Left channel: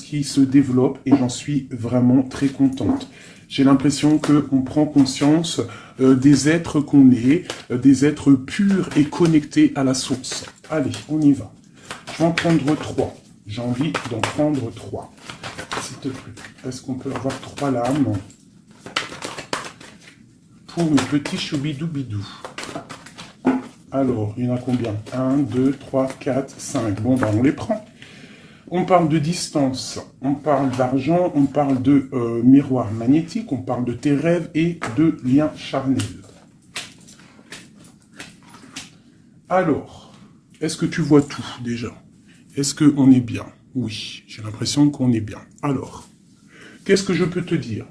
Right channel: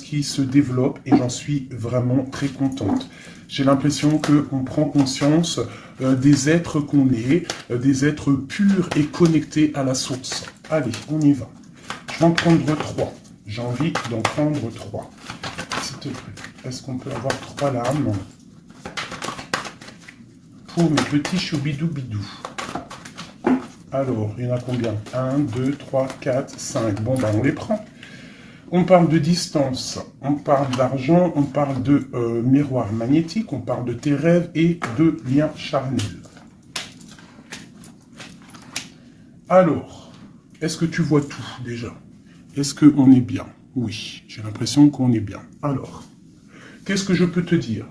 qui se développe et j'en suis vraiment très contente. J'ai l'impression qu'on prend conscience des êtres qu'on est, des êtres purs et connectés à la source. Allez, on y va. Je vais en prendre 3. J'ai envie d'en prendre 3. S'il te plaît, est-ce qu'on peut avoir 3 lames pour le petit choubidou-bidou? Alors, il y en a combien? 1, 2, 3, 4, 5. Bon, ben, on les prend. On parle de distance, on parle d'argent, on parle de miroir magnétique, on parle de tes rêves et de liens charnels. Alors, est-ce que tu vois tout déjà? Est-ce qu'on est bien? Oui, j'ai l'impression qu'on est bien. Alors, qu'est-ce que je peux te dire?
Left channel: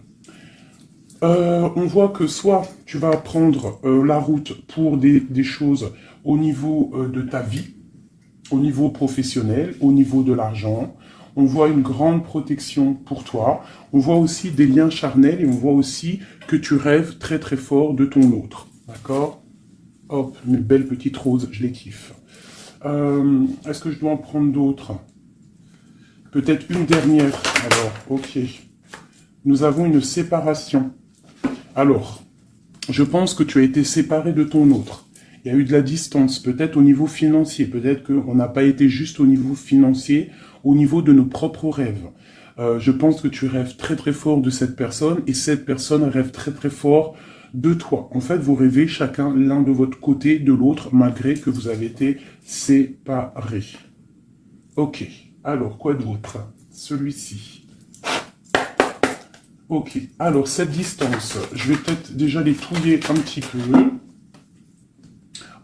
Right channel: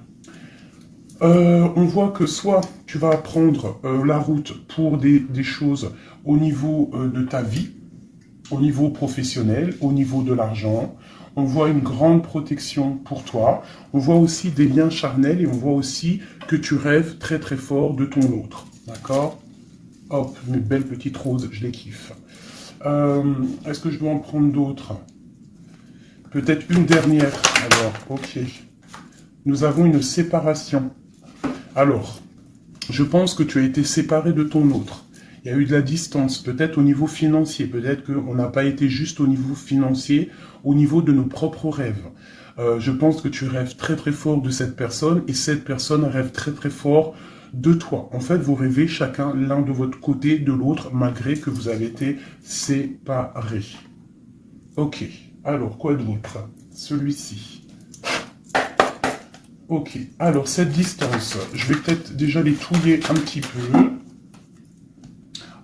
On voit que soit tu vas prendre la route pour des choses au niveau de ta vie, au niveau professionnel, au niveau de l'argent. On voit une grande protection pour toi. On voit aussi des liens charnels et on voit aussi que tu rêves très très fort de ton autre. D'accord? Hop, mes belles petites roses, je les kiffe. Est-ce que je dois en prendre d'autres? Peut-être une dernière. Alors, ok. Nous avons une séparation. Alors, je pense que tu as été séparé de ton autre. Il y a eu de la distance, peut-être au niveau financier, peut-être qu'on n'a pas été juste au niveau financier, au niveau de nos propres rêves. Je pense que tu rêves très très fort de cette personne et cette personne rêve très très fort de toi. En fait, vous rêvez chacun l'un de votre côté de l'autre, malgré que vous avez été séparés. Ok, alors quoi d'autre? Celui-ci. Ok, alors cette distance, je vais peut-être déjà les touiller un petit peu.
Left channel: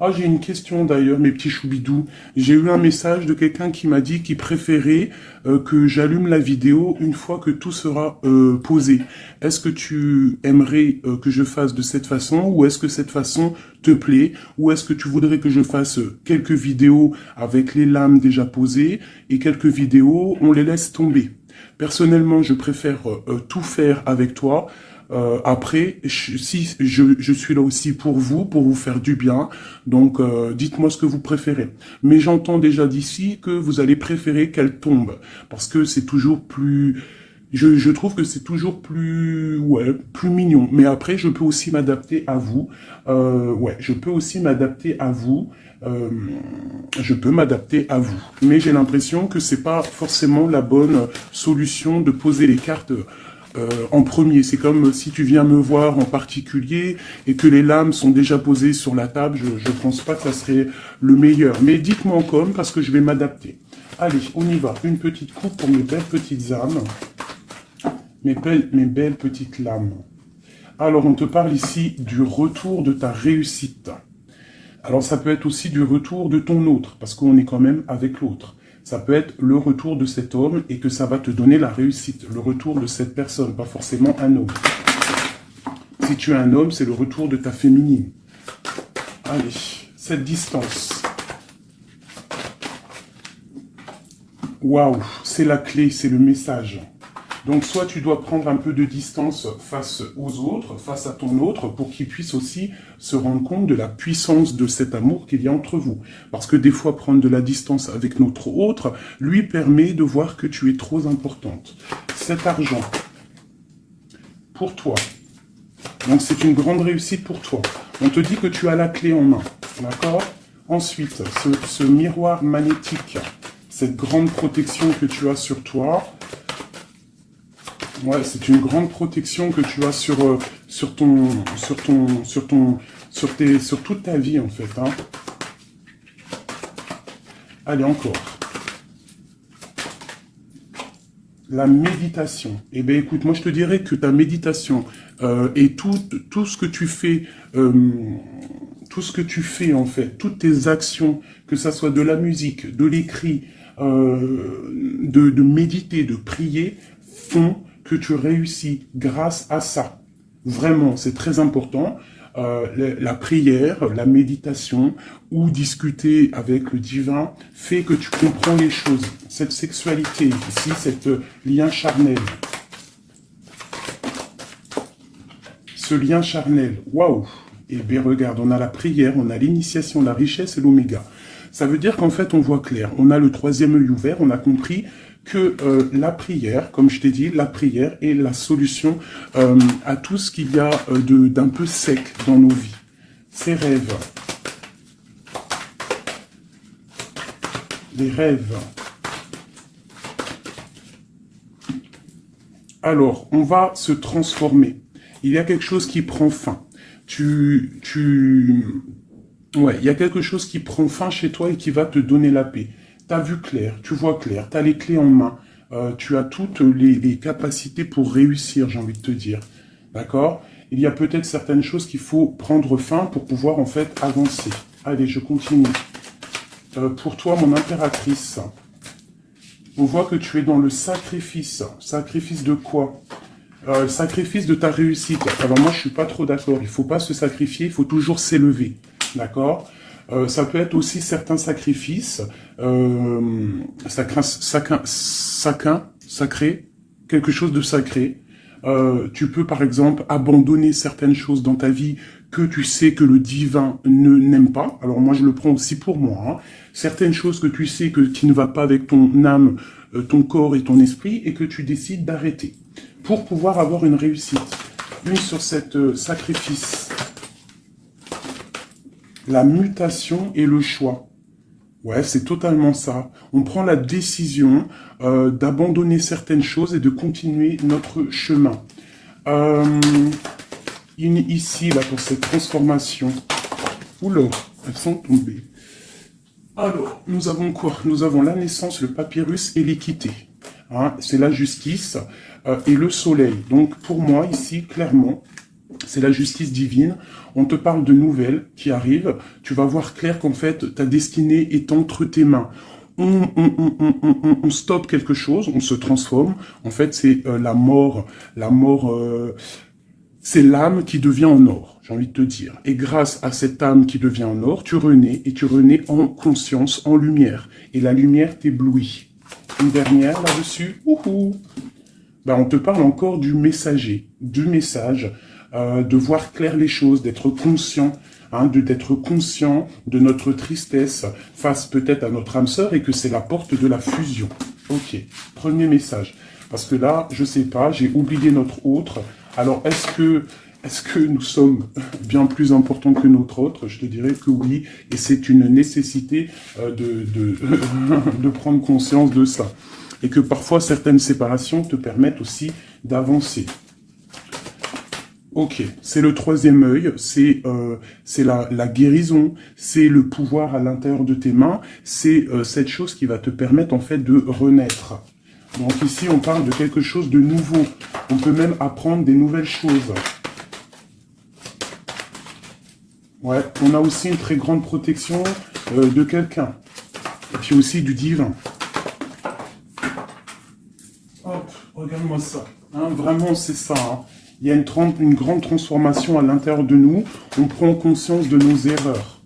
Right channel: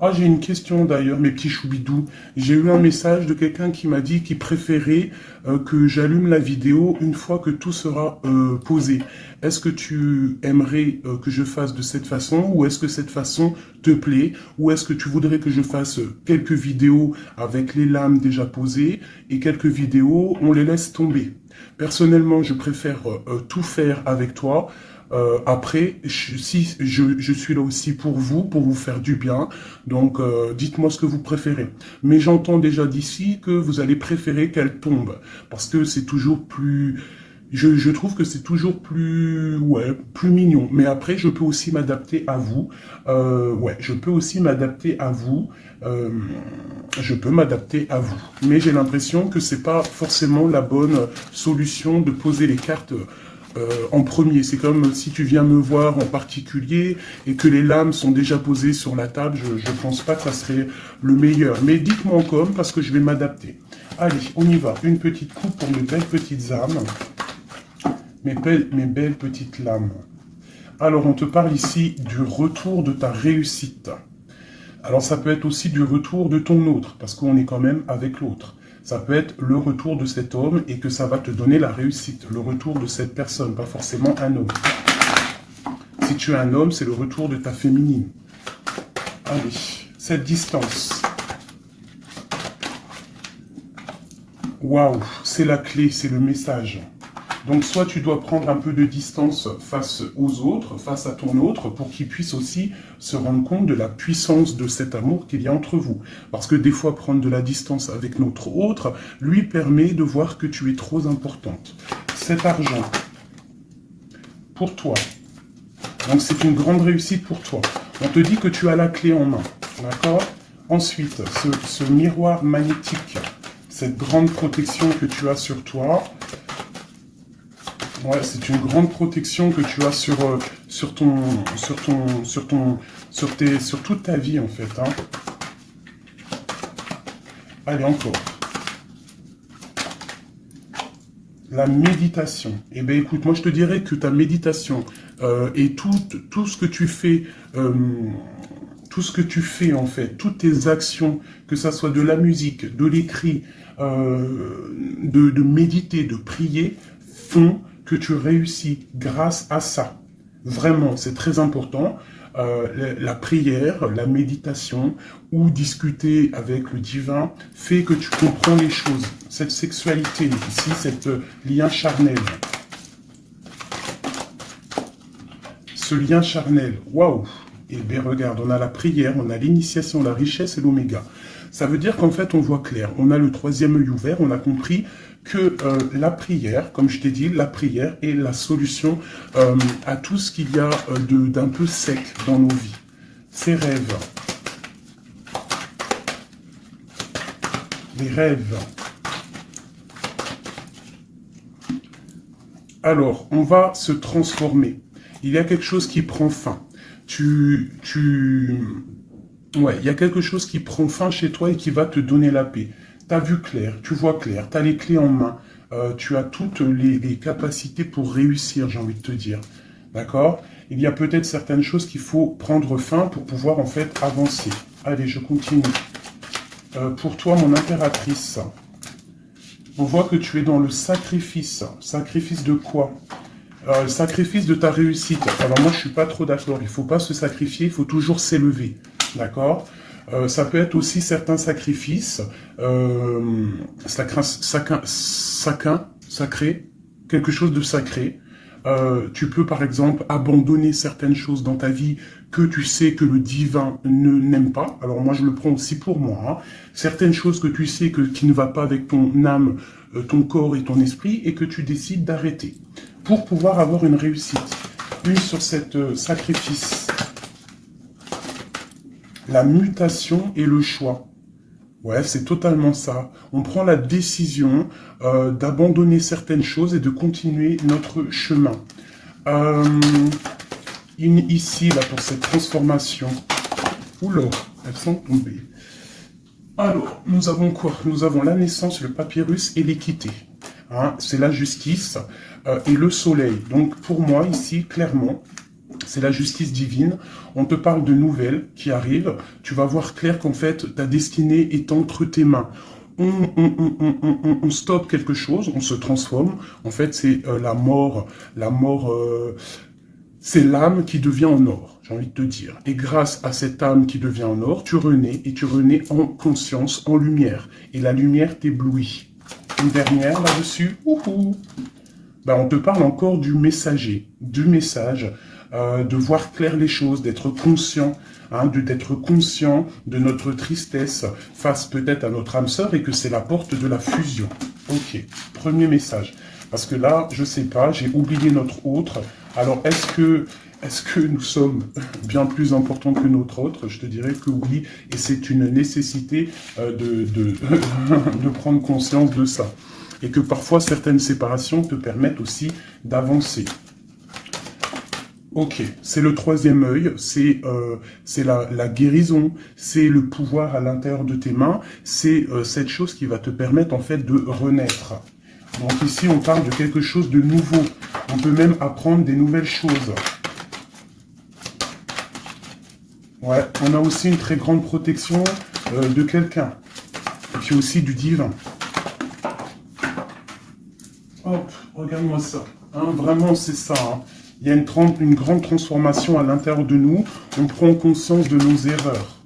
Ah, j'ai une question d'ailleurs, mes petits choubidous. J'ai eu un message de quelqu'un qui m'a dit qu'il préférait que j'allume la vidéo une fois que tout sera posé. Est-ce que tu aimerais que je fasse de cette façon ou est-ce que cette façon te plaît? Ou est-ce que tu voudrais que je fasse quelques vidéos avec les lames déjà posées et quelques vidéos, on les laisse tomber? Personnellement, je préfère tout faire avec toi. Après, si je suis là aussi pour vous faire du bien. Donc, dites-moi ce que vous préférez. Mais j'entends déjà d'ici que vous allez préférer qu'elle tombe. Parce que c'est toujours plus... Je trouve que c'est toujours plus... Ouais, plus mignon. Mais après, je peux aussi m'adapter à vous. Ouais, je peux aussi m'adapter à vous. Je peux m'adapter à vous. Mais j'ai l'impression que c'est pas forcément la bonne solution de poser les cartes en premier. C'est comme si tu viens me voir en particulier et que les lames sont déjà posées sur la table. Je ne pense pas que ça serait le meilleur. Mais dites-moi en com parce que je vais m'adapter. Allez, on y va. Une petite coupe pour mes belles petites âmes. Mes belles petites lames. Alors, on te parle ici du retour de ta réussite. Alors, ça peut être aussi du retour de ton autre, parce qu'on est quand même avec l'autre. Ça peut être le retour de cet homme et que ça va te donner la réussite. Le retour de cette personne, pas forcément un homme. Si tu es un homme, c'est le retour de ta féminine. Allez, cette distance. Waouh, c'est la clé, c'est le message. Donc, soit tu dois prendre un peu de distance face aux autres, face à ton autre, pour qu'il puisse aussi se rendre compte de la puissance de cet amour qu'il y a entre vous. Parce que des fois, prendre de la distance avec notre autre lui permet de voir que tu es trop importante. Cet argent, pour toi, donc c'est une grande réussite pour toi. On te dit que tu as la clé en main, d'accord? Ensuite, ce miroir magnétique, cette grande protection que tu as sur toi. Ouais, c'est une grande protection que tu as sur toute ta vie en fait. Hein. Allez, encore. La méditation. Eh bien, écoute, moi je te dirais que ta méditation et tout ce que tu fais, en fait, toutes tes actions, que ça soit de la musique, de l'écrit, de méditer, de prier, font que tu réussis grâce à ça. Vraiment, c'est très important. La prière, la méditation ou discuter avec le divin fait que tu comprends les choses. Cette sexualité ici, cette lien charnel. Ce lien charnel, waouh! Et bien regarde, on a la prière, on a l'initiation, la richesse et l'oméga. Ça veut dire qu'en fait, on voit clair. On a le troisième œil ouvert, on a compris que la prière, comme je t'ai dit, la prière est la solution à tout ce qu'il y a d'un peu sec dans nos vies. Ces rêves. Des rêves. Alors, on va se transformer. Il y a quelque chose qui prend fin. Ouais, il y a quelque chose qui prend fin chez toi et qui va te donner la paix. Tu as vu clair, tu vois clair, tu as les clés en main, tu as toutes les capacités pour réussir, j'ai envie de te dire. D'accord? Il y a peut-être certaines choses qu'il faut prendre fin pour pouvoir en fait avancer. Allez, je continue. Pour toi, mon impératrice, on voit que tu es dans le sacrifice. Sacrifice de quoi? Sacrifice de ta réussite. Alors moi, je suis pas trop d'accord. Il faut pas se sacrifier, il faut toujours s'élever. D'accord? Ça peut être aussi certains sacrifices sacré, quelque chose de sacré. Tu peux par exemple abandonner certaines choses dans ta vie que tu sais que le divin n'aime pas. Alors moi je le prends aussi pour moi. Hein. Certaines choses que tu sais qui ne va pas avec ton âme, ton corps et ton esprit et que tu décides d'arrêter pour pouvoir avoir une réussite. Une sur cette sacrifice. La mutation et le choix. Ouais, c'est totalement ça. On prend la décision d'abandonner certaines choses et de continuer notre chemin. Ici, là, pour cette transformation. Oula, elles sont tombées. Alors, nous avons quoi? Nous avons la naissance, le papyrus et l'équité. Hein, c'est la justice et le soleil. Donc, pour moi, ici, clairement, c'est la justice divine. On te parle de nouvelles qui arrivent. Tu vas voir clair qu'en fait, ta destinée est entre tes mains. On stoppe quelque chose, on se transforme. En fait, c'est la mort. La mort, c'est l'âme qui devient en or, j'ai envie de te dire. Et grâce à cette âme qui devient en or, tu renais, et tu renais en conscience, en lumière. Et la lumière t'éblouit. Une dernière là-dessus. Ben, on te parle encore du messager, du message. De voir clair les choses, d'être conscient, hein, d'être conscient de notre tristesse face peut-être à notre âme sœur et que c'est la porte de la fusion. Ok, premier message. Parce que là, je sais pas, j'ai oublié notre autre. Alors, est-ce que nous sommes bien plus importants que notre autre? Je te dirais que oui, et c'est une nécessité de prendre conscience de ça. Et que parfois, certaines séparations te permettent aussi d'avancer. Ok, c'est le troisième œil, c'est la guérison, c'est le pouvoir à l'intérieur de tes mains, c'est cette chose qui va te permettre en fait de renaître. Donc ici, on parle de quelque chose de nouveau. On peut même apprendre des nouvelles choses. Ouais, on a aussi une très grande protection de quelqu'un. Et puis aussi du divin. Hop, regarde-moi ça. Hein, vraiment, c'est ça. Hein. Il y a une grande transformation à l'intérieur de nous. On prend conscience de nos erreurs.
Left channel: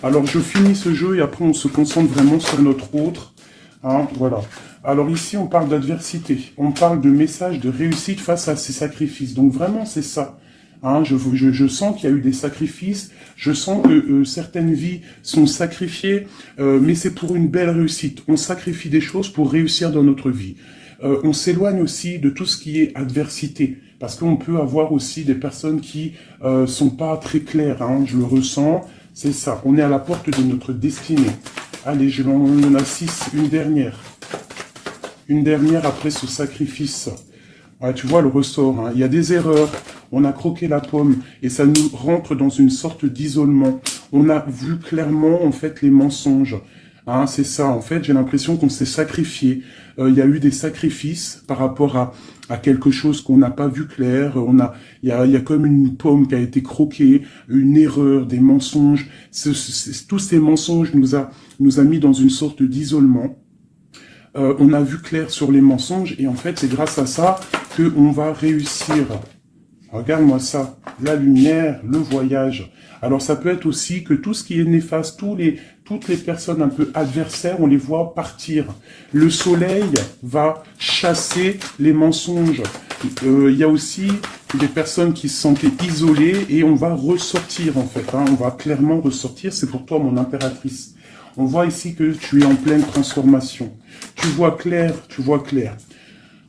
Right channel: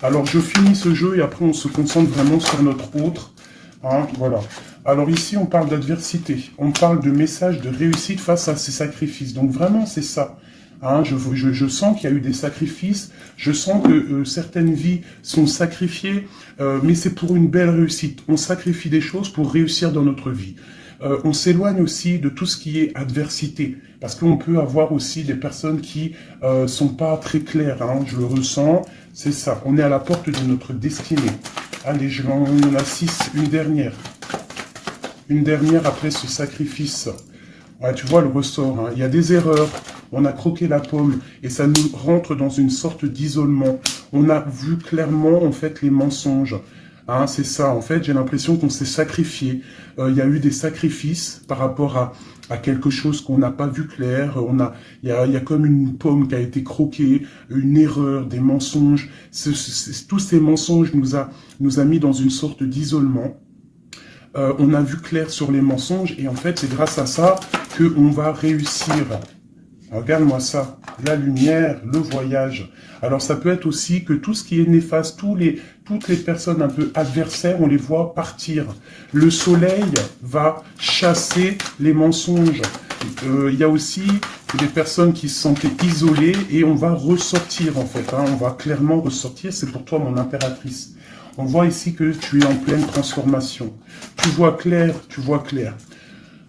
Alors, je finis ce jeu et après, on se concentre vraiment sur notre autre. Hein, voilà. Alors ici, on parle d'adversité. On parle de message de réussite face à ces sacrifices. Donc, vraiment, c'est ça. Hein, je sens qu'il y a eu des sacrifices. Je sens que certaines vies sont sacrifiées, mais c'est pour une belle réussite. On sacrifie des choses pour réussir dans notre vie. On s'éloigne aussi de tout ce qui est adversité, parce qu'on peut avoir aussi des personnes qui sont pas très claires, hein, je le ressens, c'est ça, on est à la porte de notre destinée. Allez, on a 6, une dernière après ce sacrifice. Ouais, tu vois le ressort, hein, il y a des erreurs, on a croqué la pomme, et ça nous rentre dans une sorte d'isolement. On a vu clairement, en fait, les mensonges. Hein, c'est ça, en fait, j'ai l'impression qu'on s'est sacrifié. Il y a eu des sacrifices par rapport à quelque chose qu'on n'a pas vu clair. Il y a comme une pomme qui a été croquée, une erreur, des mensonges. Tous ces mensonges nous a mis dans une sorte d'isolement. On a vu clair sur les mensonges et en fait, c'est grâce à ça qu'on va réussir. Regarde-moi ça, la lumière, le voyage. Alors ça peut être aussi que tout ce qui est néfaste, toutes les personnes un peu adversaires, on les voit partir. Le soleil va chasser les mensonges. Il y a aussi des personnes qui se sentaient isolées et on va ressortir en fait. Hein, on va clairement ressortir, c'est pour toi mon impératrice. On voit ici que tu es en pleine transformation. Tu vois clair, tu vois clair.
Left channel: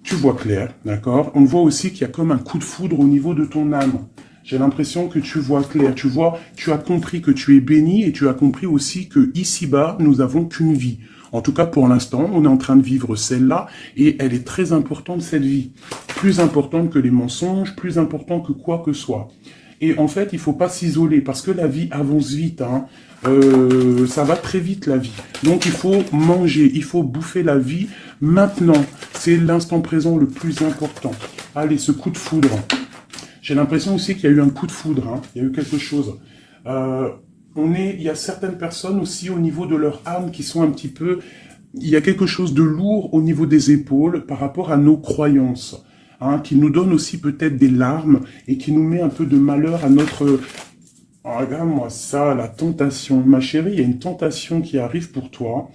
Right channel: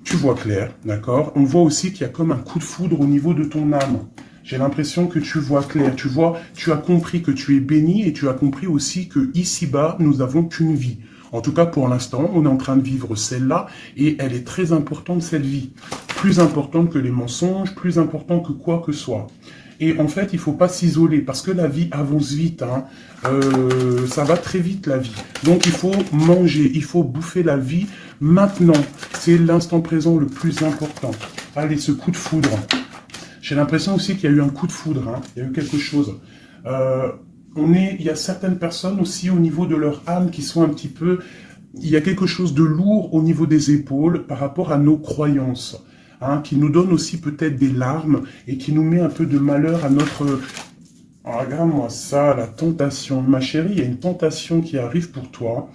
Tu vois clair, d'accord? On voit aussi qu'il y a comme un coup de foudre au niveau de ton âme. J'ai l'impression que tu vois clair, tu vois, tu as compris que tu es béni et tu as compris aussi que ici-bas, nous n'avons qu'une vie. En tout cas, pour l'instant, on est en train de vivre celle-là et elle est très importante, cette vie. Plus importante que les mensonges, plus importante que quoi que soit. Et en fait, il faut pas s'isoler parce que la vie avance vite. Hein. Ça va très vite, la vie. Donc, il faut manger, il faut bouffer la vie maintenant. C'est l'instant présent le plus important. Allez, ce coup de foudre. J'ai l'impression aussi qu'il y a eu un coup de foudre. Hein. Il y a eu quelque chose. Il y a certaines personnes aussi au niveau de leur âme qui sont un petit peu... Il y a quelque chose de lourd au niveau des épaules par rapport à nos croyances. Hein, qui nous donne aussi peut-être des larmes et qui nous met un peu de malheur à notre... Oh, regarde-moi ça, la tentation. Ma chérie, il y a une tentation qui arrive pour toi.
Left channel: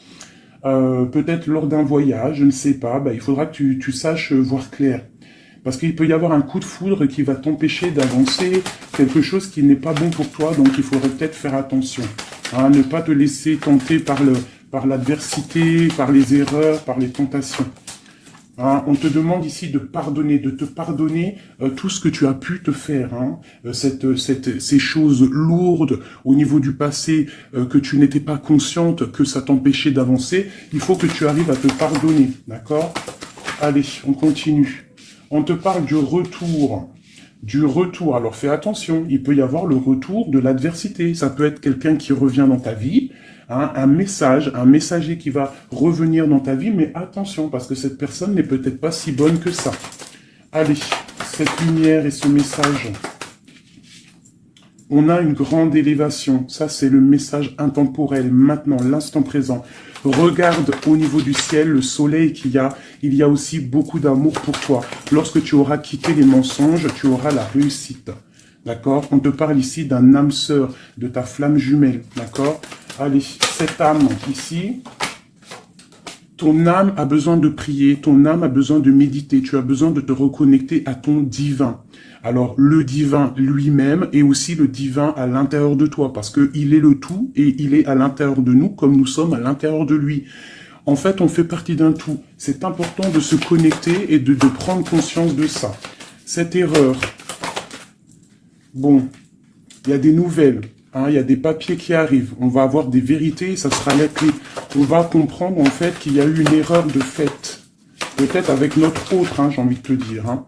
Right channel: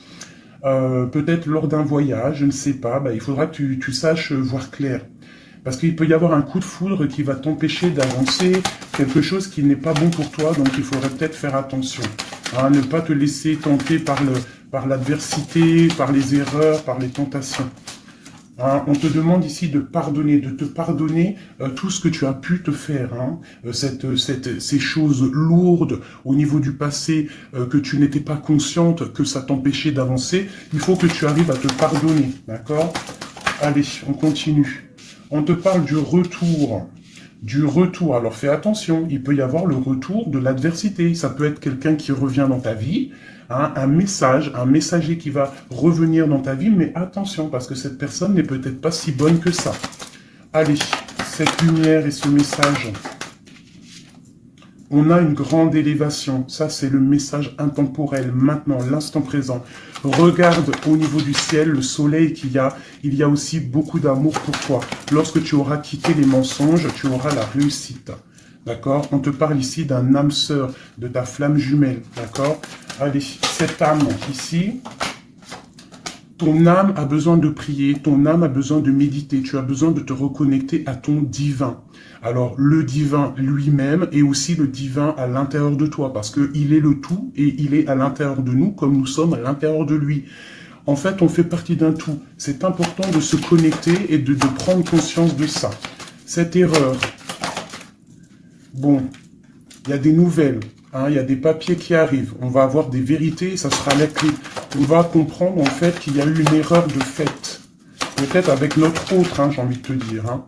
Peut-être lors d'un voyage, je ne sais pas. Il faudra que tu saches voir clair. Parce qu'il peut y avoir un coup de foudre qui va t'empêcher d'avancer, quelque chose qui n'est pas bon pour toi, donc il faudrait peut-être faire attention. Hein, ne pas te laisser tenter par l'adversité, par les erreurs, par les tentations. Hein, on te demande ici de te pardonner tout ce que tu as pu te faire. Hein, ces choses lourdes au niveau du passé que tu n'étais pas consciente, que ça t'empêchait d'avancer. Il faut que tu arrives à te pardonner, d'accord? Allez, on continue. On te parle du retour. Du retour. Alors fais attention, il peut y avoir le retour de l'adversité. Ça peut être quelqu'un qui revient dans ta vie, hein, un messager qui va revenir dans ta vie, mais attention, parce que cette personne n'est peut-être pas si bonne que ça. Allez, cette lumière et ce message. On a une grande élévation. Ça, c'est le message intemporel, maintenant, l'instant présent. Regarde au niveau du ciel, le soleil qu'il y a. Il y a aussi beaucoup d'amour pour toi. Lorsque tu auras quitté les mensonges, tu auras la réussite. D'accord? On te parle ici d'un âme sœur, de ta flamme jumelle. D'accord? Allez, cette âme ici, ton âme a besoin de prier, ton âme a besoin de méditer. Tu as besoin de te reconnecter à ton divin. Alors, le divin lui-même et aussi le divin à l'intérieur de toi, parce qu'il est le tout et il est à l'intérieur de nous comme nous sommes à l'intérieur de lui. En fait, on fait partie d'un tout. C'est important de se connecter et de prendre conscience de ça. Cette erreur, bon, il y a des nouvelles, hein, il y a des papiers qui arrivent, on va avoir des vérités, ça sera net. On va comprendre en fait qu'il y a eu une erreur de fait, peut-être avec notre autre, hein, j'ai envie de te dire, hein.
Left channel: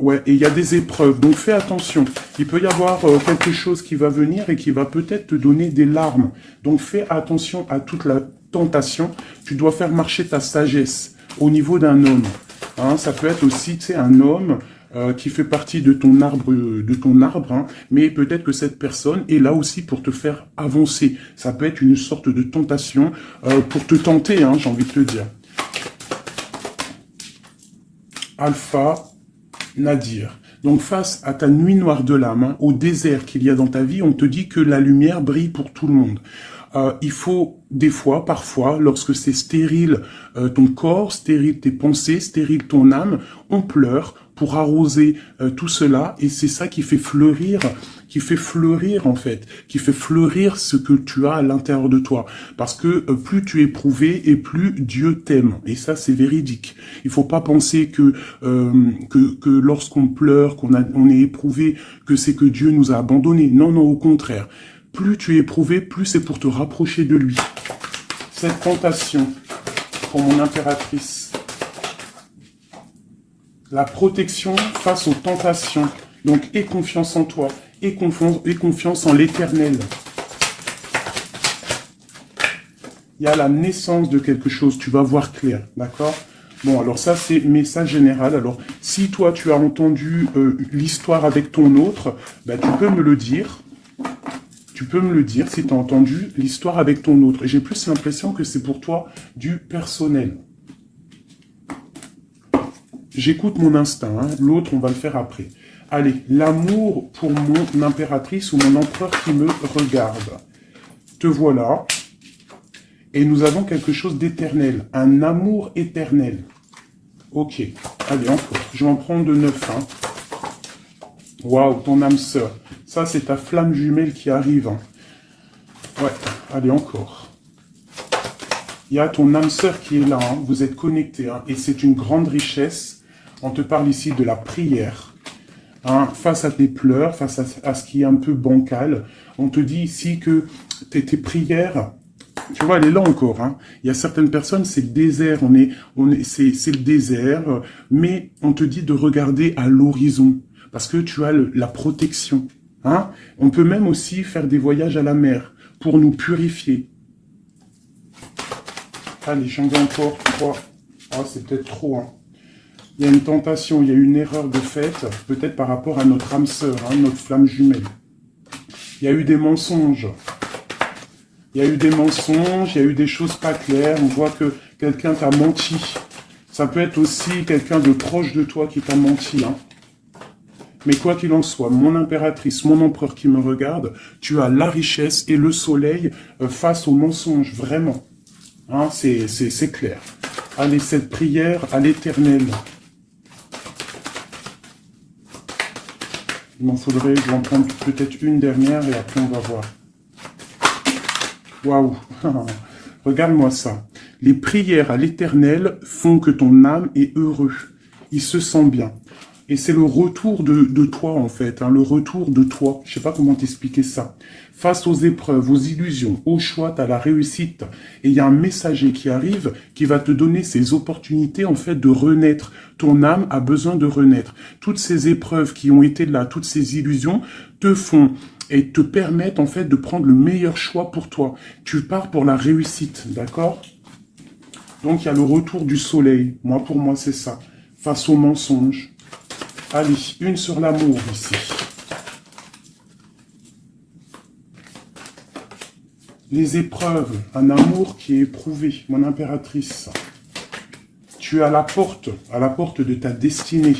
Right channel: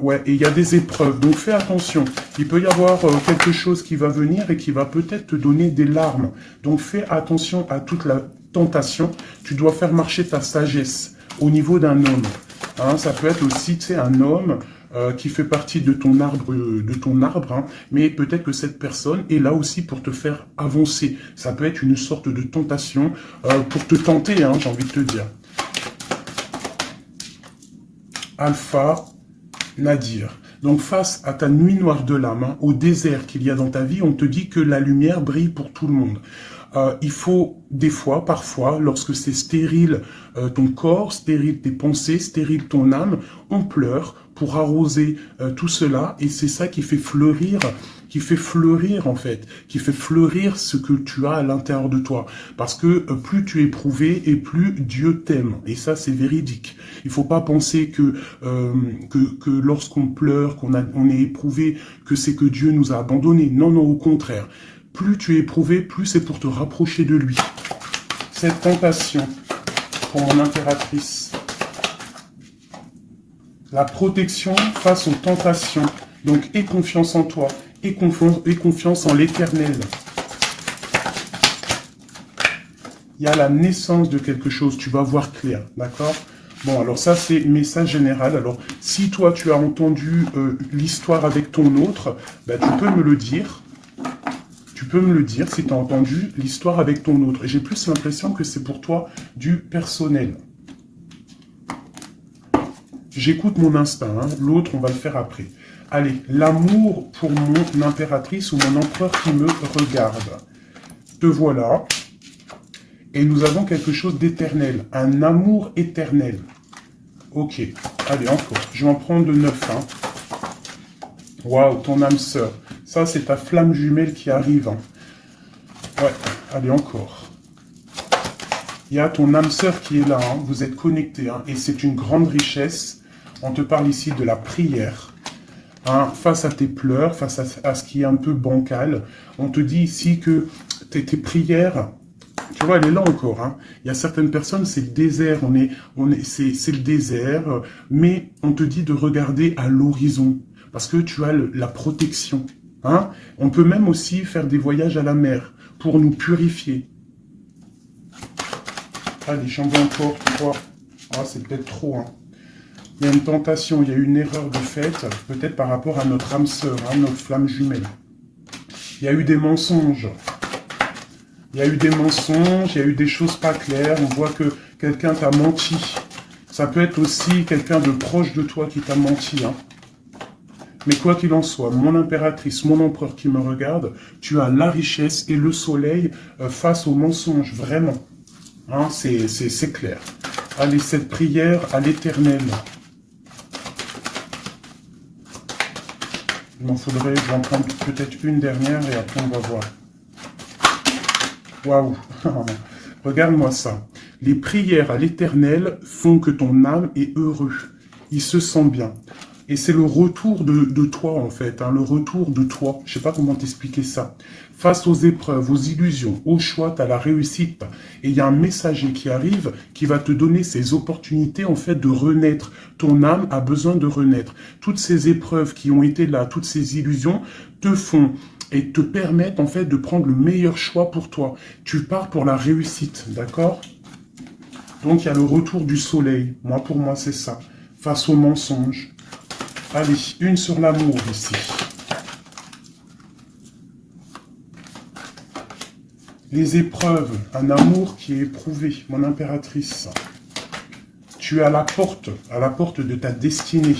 Ouais, et il y a des épreuves, donc fais attention. Il peut y avoir quelque chose qui va venir et qui va peut-être te donner des larmes. Donc fais attention à toute la tentation. Tu dois faire marcher ta sagesse au niveau d'un homme. Hein, ça peut être aussi, tu sais, un homme qui fait partie de ton arbre, hein, mais peut-être que cette personne est là aussi pour te faire avancer. Ça peut être une sorte de tentation pour te tenter, hein, j'ai envie de te dire. Alpha Nadir. Donc face à ta nuit noire de l'âme, hein, au désert qu'il y a dans ta vie, on te dit que la lumière brille pour tout le monde. Il faut des fois, parfois, lorsque c'est stérile ton corps, stérile tes pensées, stérile ton âme, on pleure pour arroser tout cela et c'est ça qui fait fleurir en fait, qui fait fleurir ce que tu as à l'intérieur de toi. Parce que plus tu es éprouvé et plus Dieu t'aime. Et ça, c'est véridique. Il faut pas penser que lorsqu'on pleure, on est éprouvé, que c'est que Dieu nous a abandonnés. Non, non, au contraire. Plus tu es éprouvé, plus c'est pour te rapprocher de lui. Cette tentation, pour mon impératrice. La protection face aux tentations. Donc, aie confiance en toi. Aie confiance en l'Éternel. Il y a la naissance de quelque chose. Tu vas voir clair. D'accord? Bon, alors ça, c'est message général. Alors, si toi, tu as entendu l'histoire avec ton autre, ben, tu peux me le dire. Tu peux me le dire si tu as entendu l'histoire avec ton autre. J'ai plus l'impression que c'est pour toi du personnel. J'écoute mon instinct. Hein. L'autre, on va le faire après. Allez, l'amour pour mon impératrice ou mon empereur qui me regarde. Te voilà. Et nous avons quelque chose d'éternel. Un amour éternel. Ok. Allez, encore. Je vais en prendre de 9. Hein. Waouh, ton âme sœur. Ça, c'est ta flamme jumelle qui arrive. Hein. Ouais. Allez, encore. Il y a ton âme sœur qui est là, hein. Vous êtes connectés, hein. Et c'est une grande richesse. On te parle ici de la prière. Hein, face à tes pleurs, face à ce qui est un peu bancal. On te dit ici que tes prières, tu vois, elle est là encore. Hein. Il y a certaines personnes, c'est le désert, c'est le désert, mais on te dit de regarder à l'horizon, parce que tu as la protection. Hein. On peut même aussi faire des voyages à la mer pour nous purifier. Allez, j'en veux encore 3. Ah, c'est peut-être trop. Hein. Il y a une tentation, il y a une erreur de fait, peut-être par rapport à notre âme sœur, hein, notre flamme jumelle. Il y a eu des mensonges. Il y a eu des mensonges, il y a eu des choses pas claires. On voit que quelqu'un t'a menti. Ça peut être aussi quelqu'un de proche de toi qui t'a menti. Hein. Mais quoi qu'il en soit, mon impératrice, mon empereur qui me regarde, tu as la richesse et le soleil face aux mensonges, vraiment. Hein, c'est clair. Allez, cette prière à l'Éternel. Il m'en faudrait, je vais en prendre peut-être une dernière et après on va voir. Waouh. Regarde-moi ça. Les prières à l'Éternel font que ton âme est heureux. Il se sent bien. Et c'est le retour de toi, en fait. Hein, le retour de toi. Je ne sais pas comment t'expliquer ça. Face aux épreuves, aux illusions, au choix, tu as la réussite. Et il y a un messager qui arrive qui va te donner ces opportunités, en fait, de renaître. Ton âme a besoin de renaître. Toutes ces épreuves qui ont été là, toutes ces illusions, te font et te permettent, en fait, de prendre le meilleur choix pour toi. Tu pars pour la réussite, d'accord? Donc, il y a le retour du soleil. Moi, pour moi, c'est ça. Face aux mensonges. Allez, une sur l'amour ici. Les épreuves, un amour qui est éprouvé, mon impératrice. Tu es à la porte de ta destinée.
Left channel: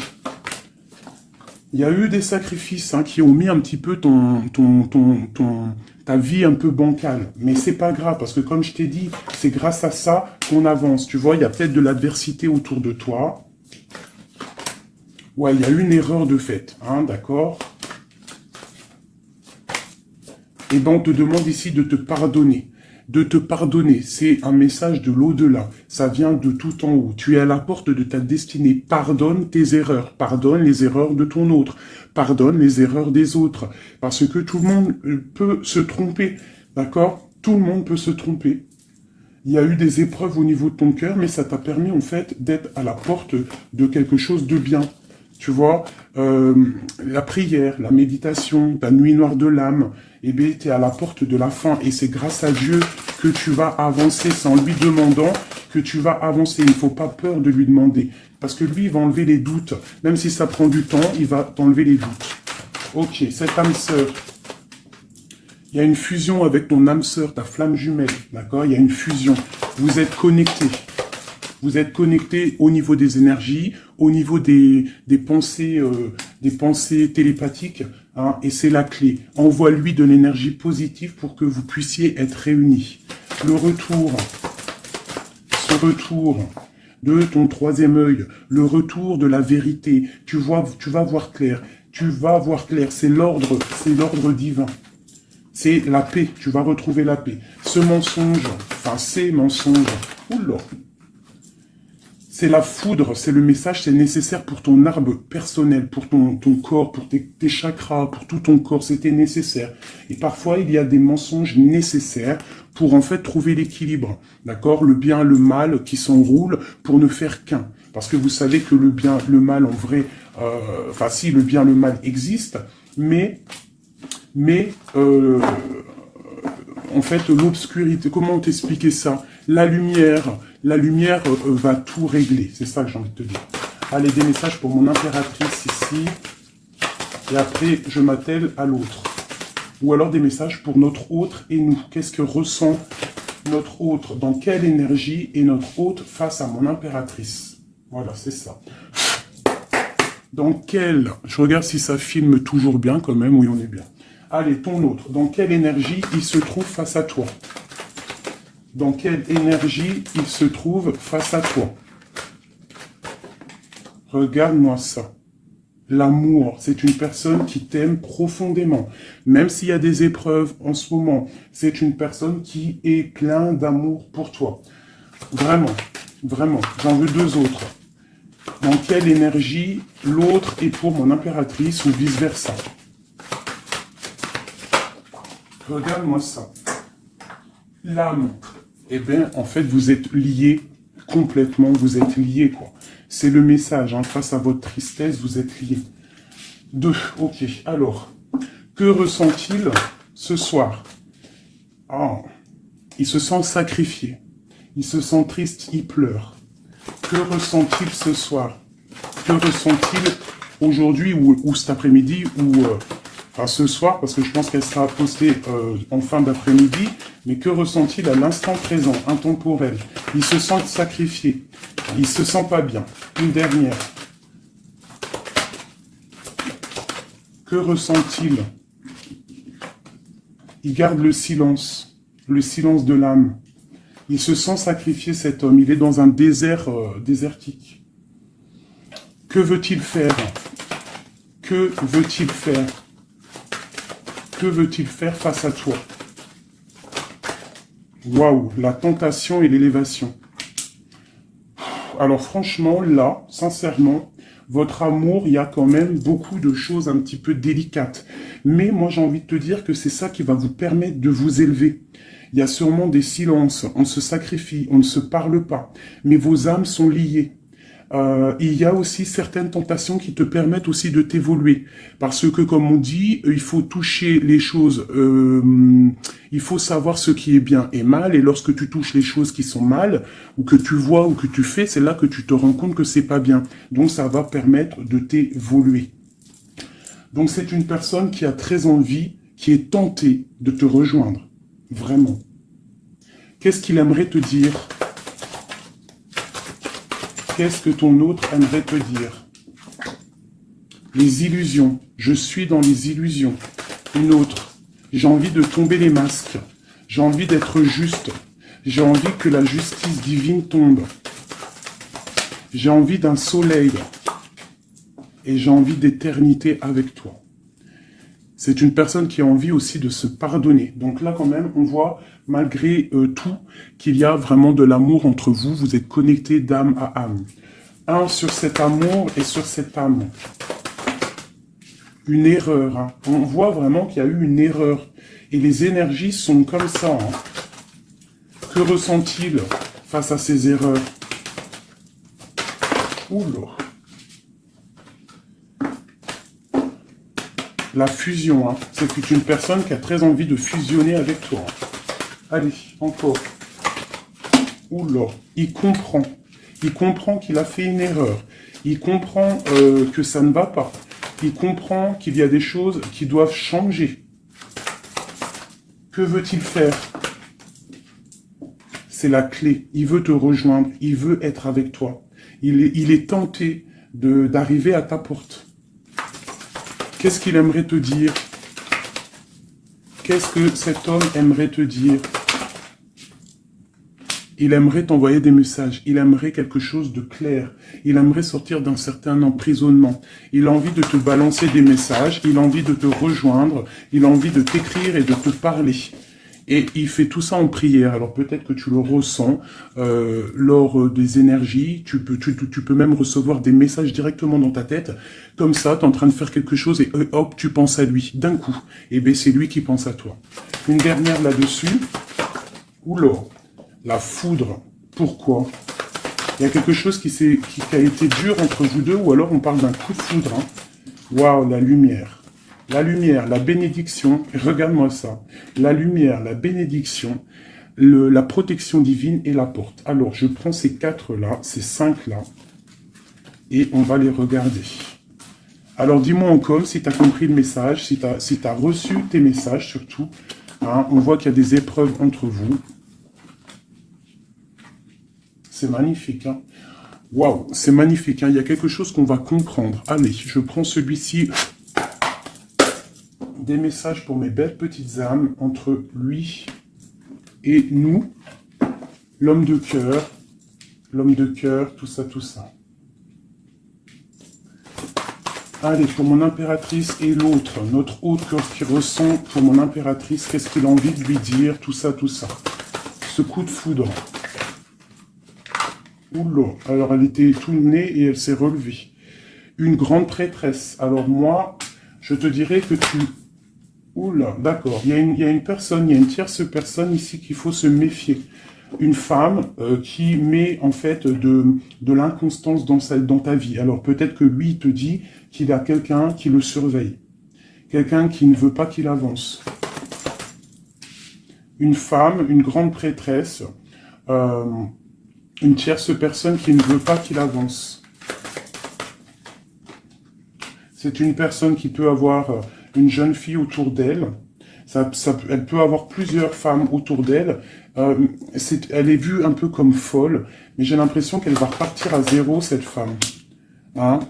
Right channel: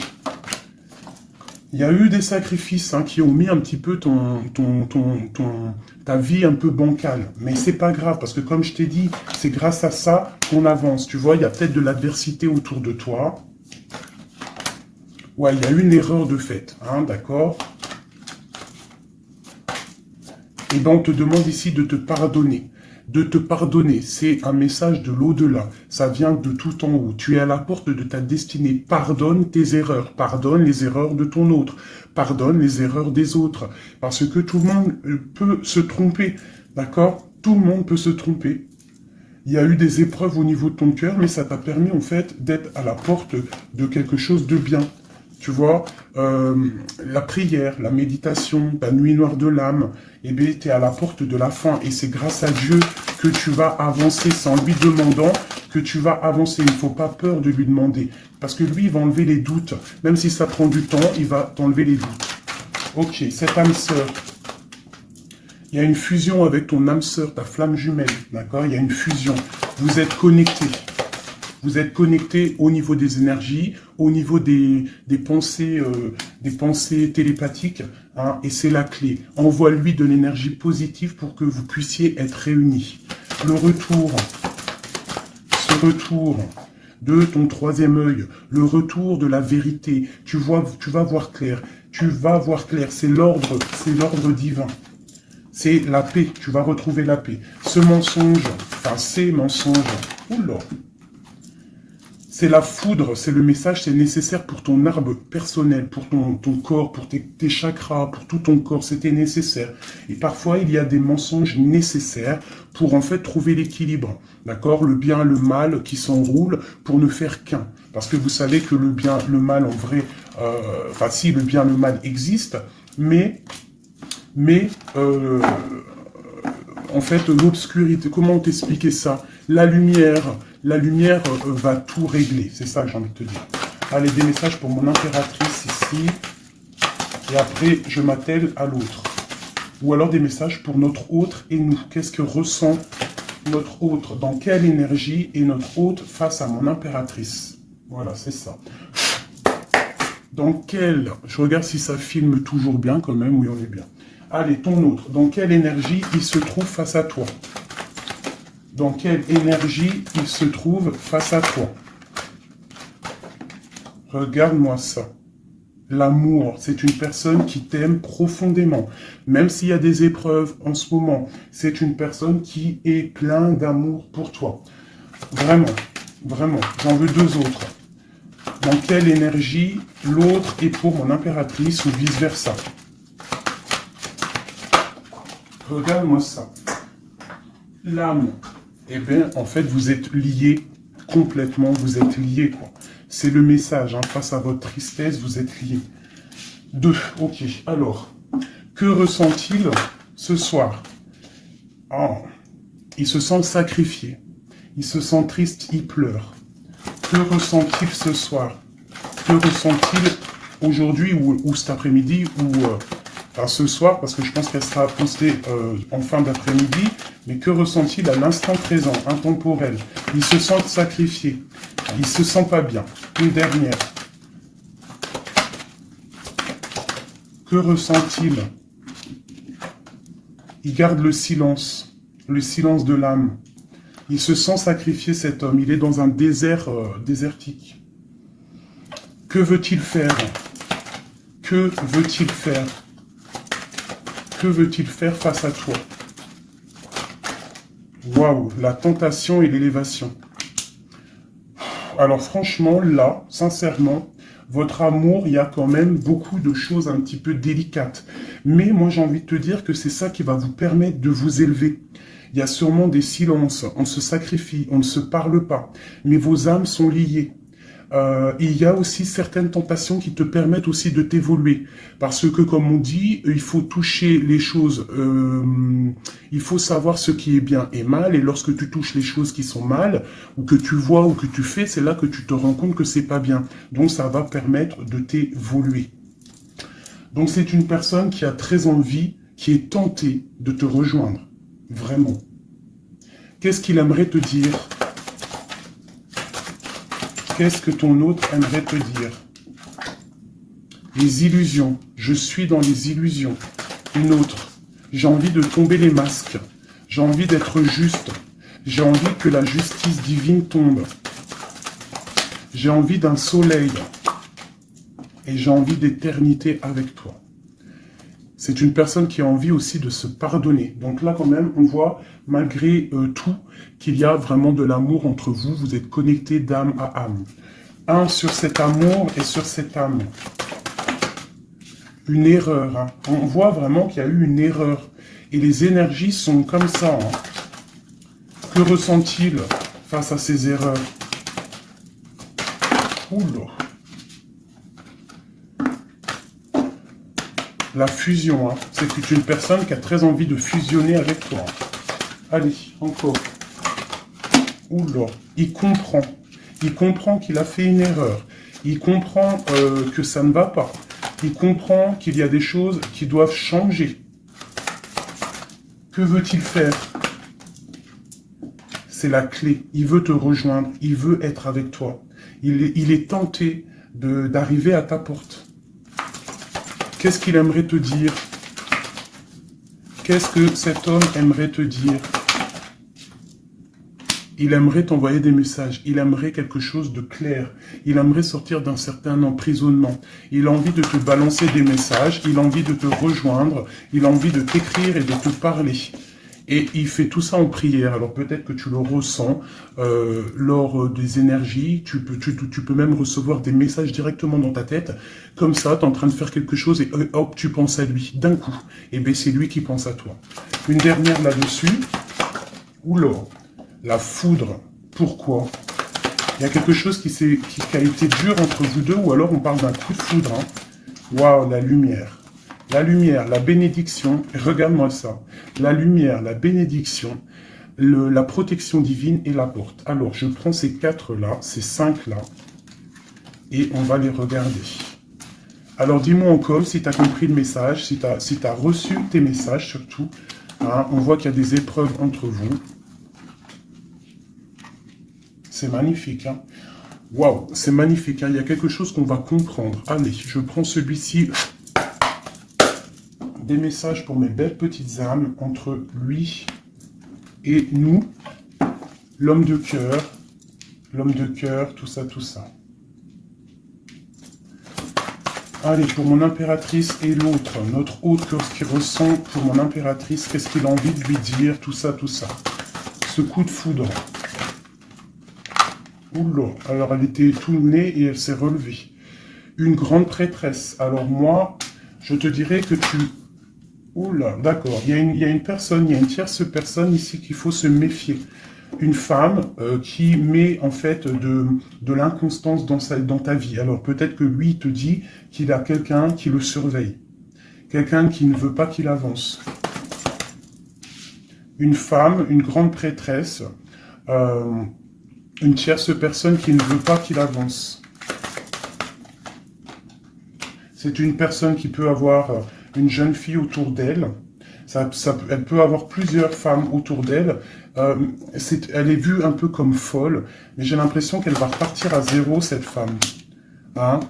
Il y a eu des sacrifices hein, qui ont mis un petit peu ta vie un peu bancale. Mais c'est pas grave, parce que comme je t'ai dit, c'est grâce à ça qu'on avance. Tu vois, il y a peut-être de l'adversité autour de toi. Ouais, il y a une erreur de fait, hein, d'accord? Et ben, on te demande ici de te pardonner. De te pardonner, c'est un message de l'au-delà. Ça vient de tout en haut. Tu es à la porte de ta destinée. Pardonne tes erreurs. Pardonne les erreurs de ton autre. Pardonne les erreurs des autres. Parce que tout le monde peut se tromper, d'accord? Tout le monde peut se tromper. Il y a eu des épreuves au niveau de ton cœur, mais ça t'a permis en fait d'être à la porte de quelque chose de bien. Tu vois, la prière, la méditation, ta nuit noire de l'âme, eh bien, tu es à la porte de la fin. Et c'est grâce à Dieu que tu vas avancer. C'est en lui demandant que tu vas avancer. Il ne faut pas peur de lui demander. Parce que lui, il va enlever les doutes. Même si ça prend du temps, il va t'enlever les doutes. Ok, cette âme sœur. Il y a une fusion avec ton âme sœur, ta flamme jumelle. D'accord? Il y a une fusion. Vous êtes connectés. Vous êtes connecté au niveau des énergies, au niveau des pensées télépathiques, hein, et c'est la clé. Envoie-lui de l'énergie positive pour que vous puissiez être réunis. Ce retour de ton troisième œil, le retour de la vérité. Tu vas voir clair. Tu vas voir clair. C'est l'ordre divin. C'est la paix. Tu vas retrouver la paix. Ce mensonge, enfin ces mensonges, oula. C'est la foudre, c'est le message, c'est nécessaire pour ton arbre personnel, pour ton corps, pour tes chakras, pour tout ton corps, c'était nécessaire. Et parfois, il y a des mensonges nécessaires pour en fait trouver l'équilibre, d'accord? Le bien, le mal qui s'enroule pour ne faire qu'un. Parce que vous savez que le bien, le mal, en vrai, enfin si, le bien, le mal existe, mais en fait, l'obscurité, comment t'expliquer ça? La lumière va tout régler. C'est ça que j'ai envie de te dire. Allez, des messages pour mon impératrice ici. Et après, je m'attelle à l'autre. Ou alors des messages pour notre autre et nous. Qu'est-ce que ressent notre autre? Dans quelle énergie est notre autre face à mon impératrice? Voilà, c'est ça. Dans quelle... Je regarde si ça filme toujours bien quand même. Oui, on est bien. Allez, ton autre. Dans quelle énergie il se trouve face à toi? Dans quelle énergie il se trouve face à toi? Regarde-moi ça. L'amour, c'est une personne qui t'aime profondément. Même s'il y a des épreuves en ce moment, c'est une personne qui est plein d'amour pour toi. Vraiment, vraiment. J'en veux deux autres. Dans quelle énergie l'autre est pour mon impératrice ou vice-versa? Regarde-moi ça. L'âme. Eh bien, en fait, vous êtes liés complètement. Vous êtes liés, quoi. C'est le message. Hein. Face à votre tristesse, vous êtes liés. 2. Ok. Alors, que ressent-il ce soir? Oh, il se sent sacrifié. Il se sent triste, il pleure. Que ressent-il ce soir? Que ressent-il aujourd'hui ou cet après-midi ou enfin ce soir, parce que je pense qu'elle sera postée en fin d'après-midi, mais que ressent-il à l'instant présent, intemporel? Il se sent sacrifié. Il se sent pas bien. Une dernière. Que ressent-il? Il garde le silence de l'âme. Il se sent sacrifié, cet homme. Il est dans un désert désertique. Que veut-il faire? Que veut-il faire? Que veut-il faire face à toi? Waouh, la tentation et l'élévation. Alors franchement, là, sincèrement, votre amour, il y a quand même beaucoup de choses un petit peu délicates. Mais moi, j'ai envie de te dire que c'est ça qui va vous permettre de vous élever. Il y a sûrement des silences, on se sacrifie, on ne se parle pas, mais vos âmes sont liées. Il y a aussi certaines tentations qui te permettent aussi de t'évoluer. Parce que, comme on dit, il faut toucher les choses, il faut savoir ce qui est bien et mal. Et lorsque tu touches les choses qui sont mal, ou que tu vois, ou que tu fais, c'est là que tu te rends compte que c'est pas bien. Donc, ça va permettre de t'évoluer. Donc, c'est une personne qui a très envie, qui est tentée de te rejoindre. Vraiment. Qu'est-ce qu'il aimerait te dire ? Qu'est-ce que ton autre aimerait te dire? Les illusions. Je suis dans les illusions. Une autre. J'ai envie de tomber les masques. J'ai envie d'être juste. J'ai envie que la justice divine tombe. J'ai envie d'un soleil. Et j'ai envie d'éternité avec toi. C'est une personne qui a envie aussi de se pardonner. Donc là, quand même, on voit, malgré tout, qu'il y a vraiment de l'amour entre vous. Vous êtes connectés d'âme à âme. Un sur cet amour et sur cette âme. Une erreur. Hein. On voit vraiment qu'il y a eu une erreur. Et les énergies sont comme ça. Hein. Que ressent-il face à ces erreurs? Oula. La fusion, hein. C'est une personne qui a très envie de fusionner avec toi. Allez, encore. Oula, il comprend. Il comprend qu'il a fait une erreur. Il comprend que ça ne va pas. Il comprend qu'il y a des choses qui doivent changer. Que veut-il faire? C'est la clé. Il veut te rejoindre. Il veut être avec toi. Il est tenté d'arriver à ta porte. Qu'est-ce qu'il aimerait te dire? Qu'est-ce que cet homme aimerait te dire? Il aimerait t'envoyer des messages. Il aimerait quelque chose de clair. Il aimerait sortir d'un certain emprisonnement. Il a envie de te balancer des messages. Il a envie de te rejoindre. Il a envie de t'écrire et de te parler. Et il fait tout ça en prière. Alors peut-être que tu le ressens lors des énergies. Tu peux même recevoir des messages directement dans ta tête. Comme ça, tu es en train de faire quelque chose et hop, tu penses à lui d'un coup. Et bien c'est lui qui pense à toi. Une dernière là-dessus. Oula, la foudre. Pourquoi? Il y a quelque chose qui a été dur entre vous deux ou alors on parle d'un coup de foudre. Hein. Waouh, la lumière. La lumière, la bénédiction, regarde-moi ça. La lumière, la bénédiction, la protection divine et la porte. Alors, je prends ces 4-là, ces 5-là, et on va les regarder. Alors, dis-moi encore si tu as compris le message, si tu as reçu tes messages surtout. Hein, on voit qu'il y a des épreuves entre vous. C'est magnifique, hein? Waouh, c'est magnifique, hein? Il y a quelque chose qu'on va comprendre. Allez, je prends celui-ci. Des messages pour mes belles petites âmes entre lui et nous, l'homme de cœur, tout ça, tout ça. Allez, pour mon impératrice et l'autre, notre autre qui ressent pour mon impératrice, qu'est-ce qu'il a envie de lui dire, tout ça, tout ça. Ce coup de foudre. Oula, alors elle était tout née et elle s'est relevée. Une grande prêtresse. Alors moi, je te dirais que tu... Oula, d'accord. Il y a une personne, il y a une tierce personne ici qu'il faut se méfier. Une femme qui met en fait de l'inconstance dans ta vie. Alors peut-être que lui il te dit qu'il a quelqu'un qui le surveille. Quelqu'un qui ne veut pas qu'il avance. Une femme, une grande prêtresse, une tierce personne qui ne veut pas qu'il avance. C'est une personne qui peut avoir une jeune fille autour d'elle. Elle peut avoir plusieurs femmes autour d'elle. Elle est vue un peu comme folle, mais j'ai l'impression qu'elle va repartir à zéro, cette femme. Hein?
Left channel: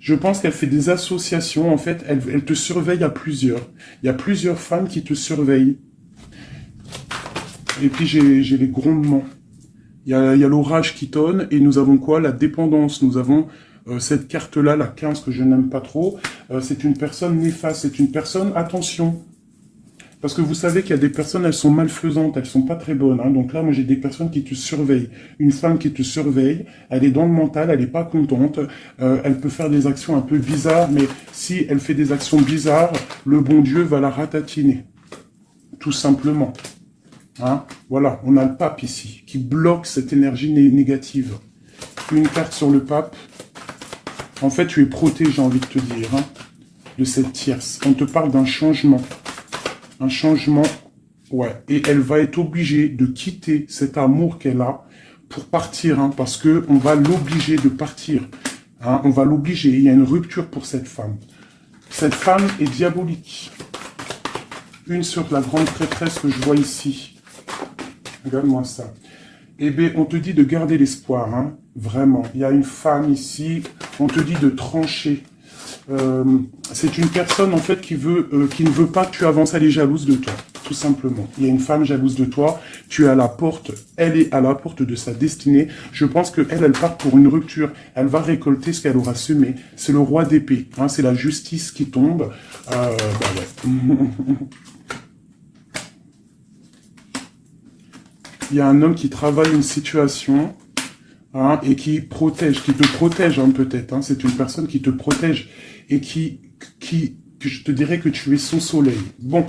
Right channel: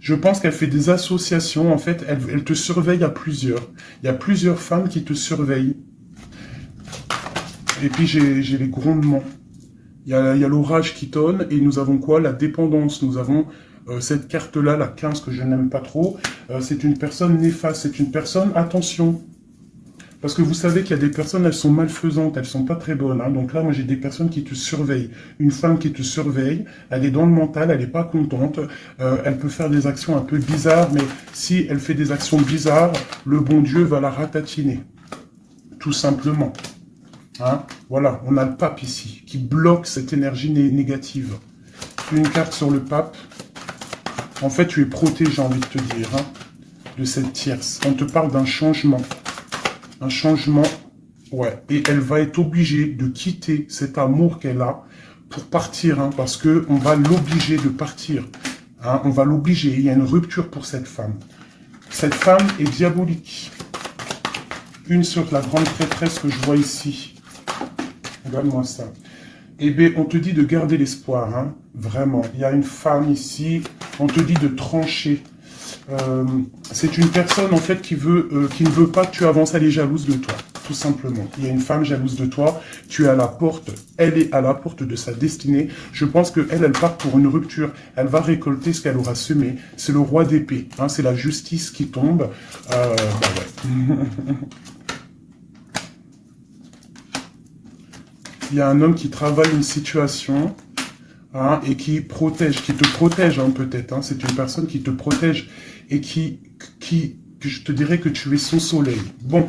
Je pense qu'elle fait des associations. En fait, elle te surveille à plusieurs. Il y a plusieurs femmes qui te surveillent. Et puis, j'ai les grondements. Il y a l'orage qui tonne. Et nous avons quoi? La dépendance. Nous avons cette carte-là, la 15, que je n'aime pas trop. C'est une personne néfaste. C'est une personne, attention. Parce que vous savez qu'il y a des personnes, elles sont malfaisantes, elles sont pas très bonnes. Hein. Donc là, moi, j'ai des personnes qui te surveillent. Une femme qui te surveille, elle est dans le mental, elle n'est pas contente. Elle peut faire des actions un peu bizarres, mais si elle fait des actions bizarres, le bon Dieu va la ratatiner. Tout simplement. Hein. Voilà, on a le pape ici, qui bloque cette énergie négative. Une carte sur le pape. En fait, tu es protégé, j'ai envie de te dire, hein, de cette tierce. On te parle d'un changement. Un changement, ouais. Et elle va être obligée de quitter cet amour qu'elle a pour partir, hein, parce qu'on va l'obliger de partir. Hein, on va l'obliger. Il y a une rupture pour cette femme. Cette femme est diabolique. Une sur la grande prêtresse que je vois ici. Regarde-moi ça. Eh bien, on te dit de garder l'espoir, hein, vraiment. Il y a une femme ici, on te dit de trancher. C'est une personne en fait qui ne veut pas que tu avances, elle est jalouse de toi, tout simplement. Il y a une femme jalouse de toi, tu es à la porte, elle est à la porte de sa destinée. Je pense qu'elle part pour une rupture, elle va récolter ce qu'elle aura semé. C'est le roi d'épée, hein, c'est la justice qui tombe. Ouais. Il y a un homme qui travaille une situation. Hein, et qui te protège hein, peut-être. Hein, c'est une personne qui te protège et que je te dirais que tu es son soleil. Bon,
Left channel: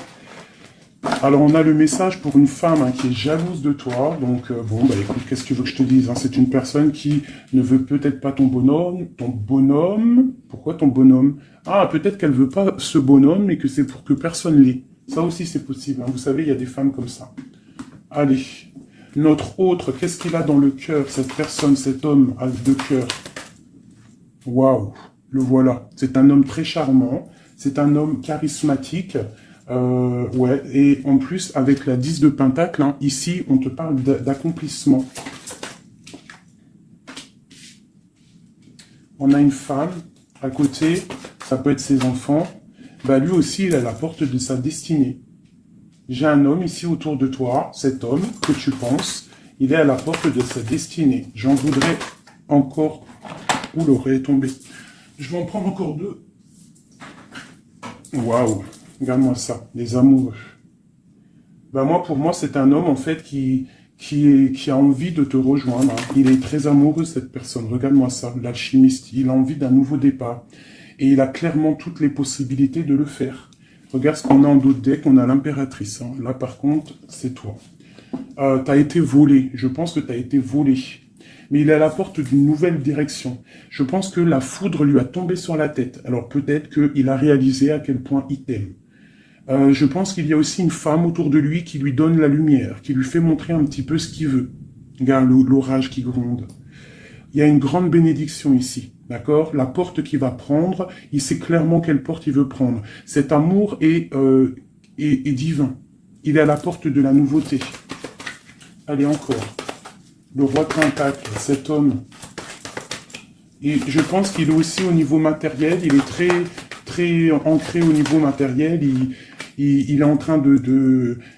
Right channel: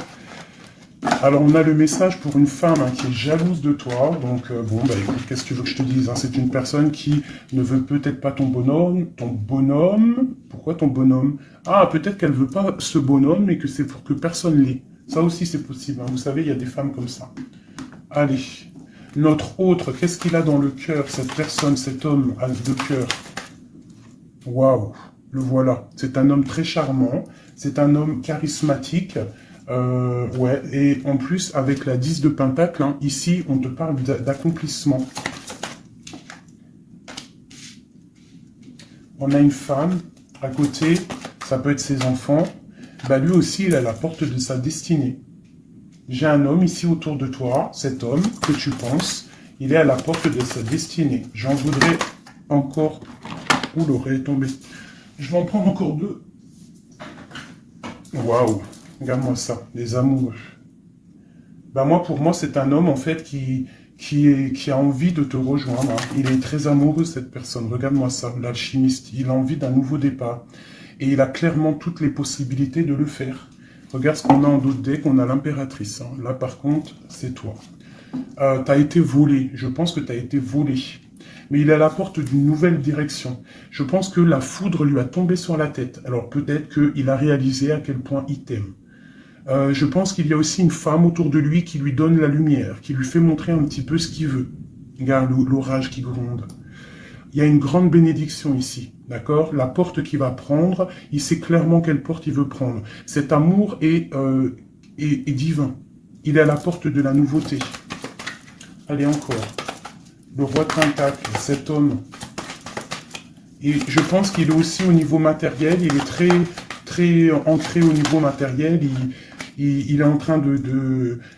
alors on a le message pour une femme hein, qui est jalouse de toi. Donc bon, bah écoute, qu'est-ce que tu veux que je te dise hein, c'est une personne qui ne veut peut-être pas ton bonhomme. Ton bonhomme. Pourquoi ton bonhomme? Ah, peut-être qu'elle ne veut pas ce bonhomme, mais que c'est pour que personne l'ait. Ça aussi c'est possible. Hein, vous savez, il y a des femmes comme ça. Allez. Notre autre, qu'est-ce qu'il a dans le cœur, cette personne, cet homme de cœur? Waouh, le voilà. C'est un homme très charmant, c'est un homme charismatique, ouais, et en plus, avec la 10 de Pentacle, hein, ici, on te parle d'accomplissement. On a une femme, à côté, ça peut être ses enfants, bah lui aussi, il est à la porte de sa destinée. J'ai un homme ici autour de toi, cet homme que tu penses, il est à la porte de sa destinée. J'en voudrais encore... Ouh, l'oreille est tombée. Je vais en prendre encore deux. Waouh, regarde-moi ça, les amoureux. Ben moi, pour moi, c'est un homme, en fait, qui a envie de te rejoindre. Il est très amoureux, cette personne. Regarde-moi ça, l'alchimiste. Il a envie d'un nouveau départ. Et il a clairement toutes les possibilités de le faire. Regarde ce qu'on a en dos de deck, on a l'impératrice. Hein. Là, par contre, c'est toi. Tu as été volé. Je pense que tu as été volé. Mais il est à la porte d'une nouvelle direction. Je pense que la foudre lui a tombé sur la tête. Alors peut-être qu'il a réalisé à quel point il t'aime. Je pense qu'il y a aussi une femme autour de lui qui lui donne la lumière, qui lui fait montrer un petit peu ce qu'il veut. Regarde l'orage qui gronde. Il y a une grande bénédiction ici. D'accord? La porte qu'il va prendre, il sait clairement quelle porte il veut prendre. Cet amour est divin. Il est à la porte de la nouveauté. Allez, encore. Le roi de Pentacle, cet homme. Et je pense qu'il est aussi au niveau matériel. Il est très, très ancré au niveau matériel. Il est en train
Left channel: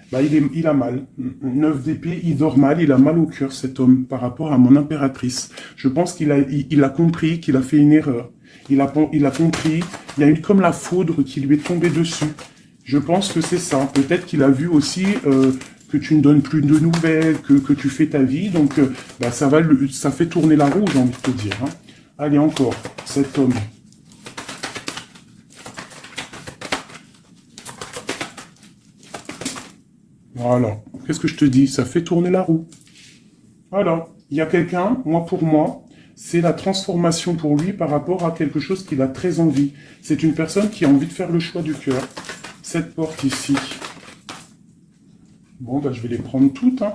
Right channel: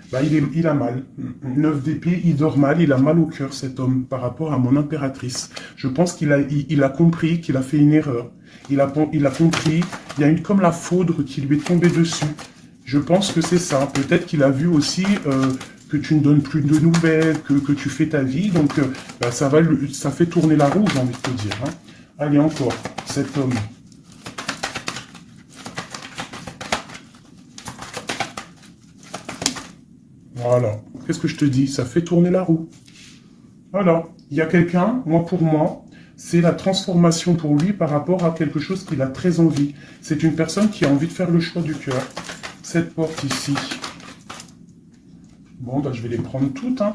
bah, il a mal. 9 d'épée, il dort mal. Il a mal au cœur, cet homme, par rapport à mon impératrice. Je pense qu'il a compris qu'il a fait une erreur. Il a compris. Il y a eu comme la foudre qui lui est tombée dessus. Je pense que c'est ça. Peut-être qu'il a vu aussi que tu ne donnes plus de nouvelles, que tu fais ta vie. Donc, bah, ça fait tourner la roue, j'ai envie de te dire. Hein. Allez, encore, cet homme. Voilà. Qu'est-ce que je te dis? Ça fait tourner la roue. Voilà. Il y a quelqu'un, moi pour moi, c'est la transformation pour lui par rapport à quelque chose qu'il a très envie. C'est une personne qui a envie de faire le choix du cœur. Cette porte ici. Bon, bah, je vais les prendre toutes. Hein.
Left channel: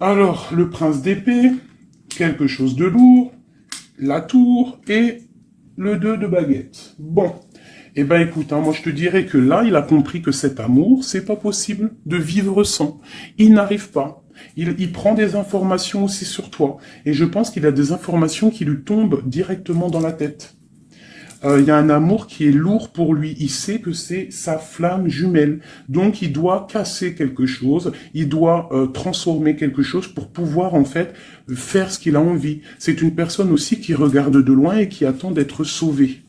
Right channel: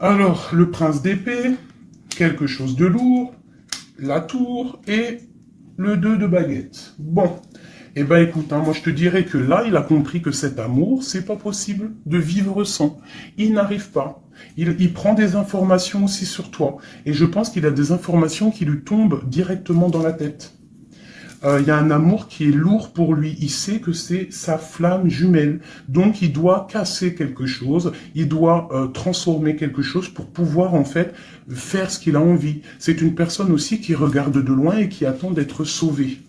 Alors, le prince d'épée, quelque chose de lourd, la tour et le 2 de baguette. Bon. Eh ben écoute, hein, moi je te dirais que là, il a compris que cet amour, c'est pas possible de vivre sans. Il n'arrive pas. Il prend des informations aussi sur toi. Et je pense qu'il a des informations qui lui tombent directement dans la tête. Il y a un amour qui est lourd pour lui. Il sait que c'est sa flamme jumelle. Donc, il doit casser quelque chose. Il doit transformer quelque chose pour pouvoir, en fait, faire ce qu'il a envie. C'est une personne aussi qui regarde de loin et qui attend d'être sauvée.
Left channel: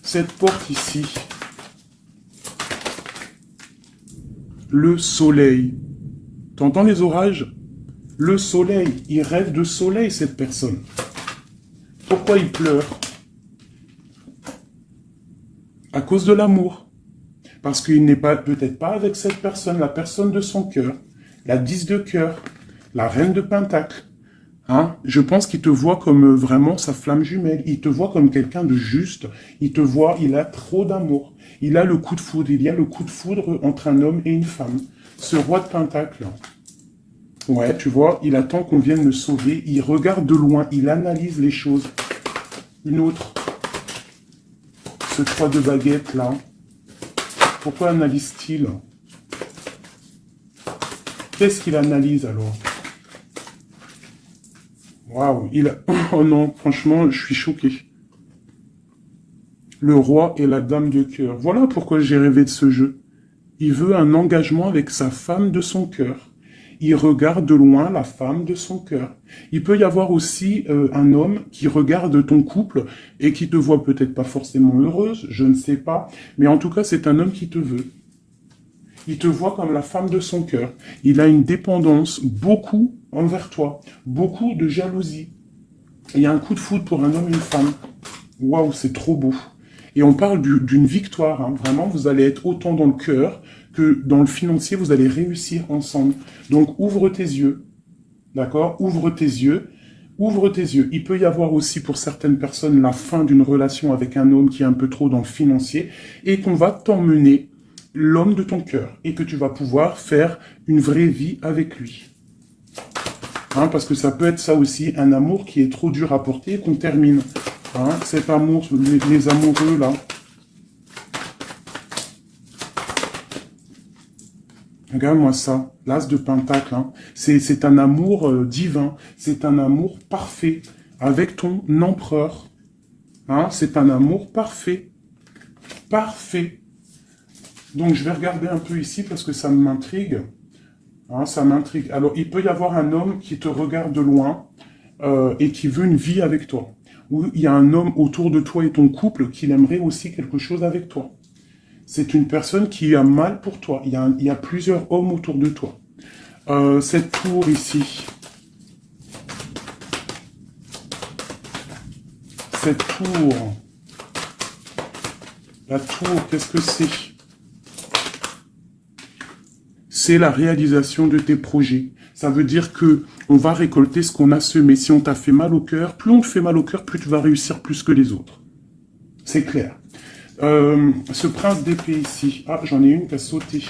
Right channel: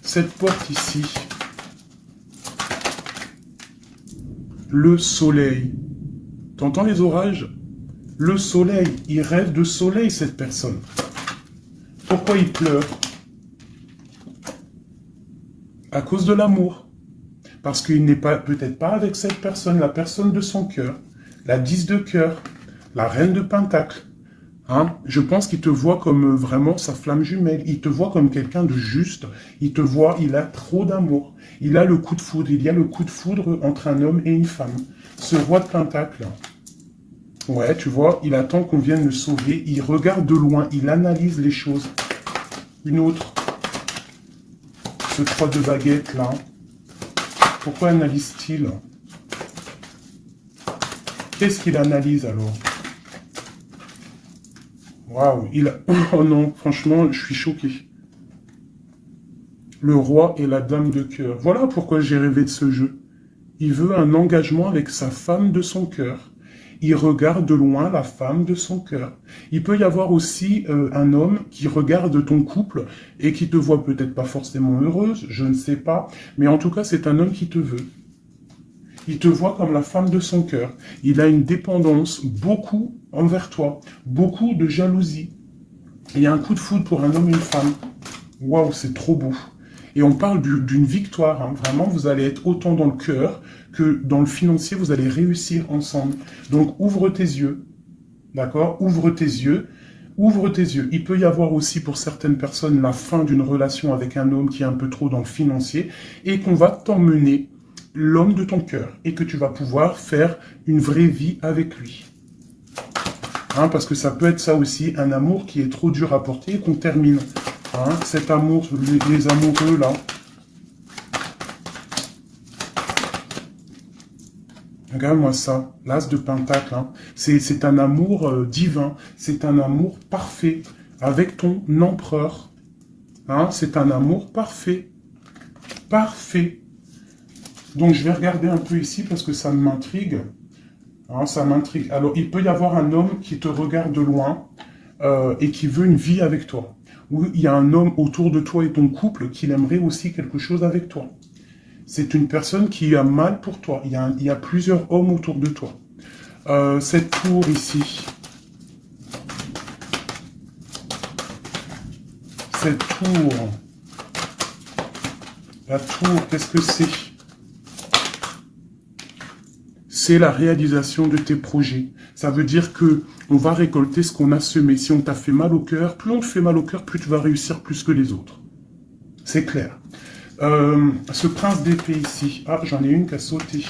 Cette porte ici. Le soleil. T'entends les orages? Le soleil. Il rêve de soleil, cette personne. Pourquoi il pleure? À cause de l'amour. Parce qu'il n'est pas peut-être pas avec cette personne, la personne de son cœur, la 10 de cœur, la reine de pentacle. Hein? Je pense qu'il te voit comme vraiment sa flamme jumelle. Il te voit comme quelqu'un de juste. Il te voit, il a trop d'amour. Il a le coup de foudre. Il y a le coup de foudre entre un homme et une femme. Ce roi de pentacle. Ouais, tu vois, il attend qu'on vienne le sauver. Il regarde de loin. Il analyse les choses. Une autre. Ce 3 de baguette là. Pourquoi analyse-t-il? Qu'est-ce qu'il analyse alors? Waouh, oh non, franchement, je suis choqué. Le roi et la dame de cœur. Voilà pourquoi j'ai rêvé de ce jeu. Il veut un engagement avec sa femme de son cœur. Il regarde de loin la femme de son cœur. Il peut y avoir aussi un homme qui regarde ton couple et qui te voit peut-être pas forcément heureuse, je ne sais pas, mais en tout cas c'est un homme qui te veut. Il te voit comme la femme de son cœur. Il a une dépendance beaucoup envers toi, beaucoup de jalousie. Il y a un coup de foudre pour un homme et une femme. Waouh, c'est trop beau. Et on parle d'une victoire. Hein. Vraiment, vous allez être autant dans le cœur que dans le financier, vous allez réussir ensemble. Donc, ouvre tes yeux. D'accord? Ouvre tes yeux. Ouvre tes yeux. Il peut y avoir aussi pour certaines personnes la fin d'une relation avec un homme qui est un peu trop dans le financier et qu'on va t'emmener l'homme de ton cœur et que tu vas pouvoir faire une vraie vie avec lui. Hein, parce que ça peut être ça aussi, un amour qui est trop dur à porter et qu'on termine. Hein, cet amour, les amoureux là. Regarde-moi ça, l'as de pentacle. Hein. C'est un amour divin, c'est un amour parfait avec ton empereur. Hein, c'est un amour parfait. Parfait. Donc je vais regarder un peu ici parce que ça m'intrigue. Hein, ça m'intrigue. Alors il peut y avoir un homme qui te regarde de loin et qui veut une vie avec toi. Ou il y a un homme autour de toi et ton couple qui aimerait aussi quelque chose avec toi. C'est une personne qui a mal pour toi. Il y a plusieurs hommes autour de toi. Cette tour ici. Cette tour. La tour, qu'est-ce que c'est? C'est la réalisation de tes projets. Ça veut dire que on va récolter ce qu'on a semé. Si on t'a fait mal au cœur, plus on te fait mal au cœur, plus tu vas réussir plus que les autres. C'est clair. Ce prince d'épée ici. Ah, j'en ai une qui a sauté.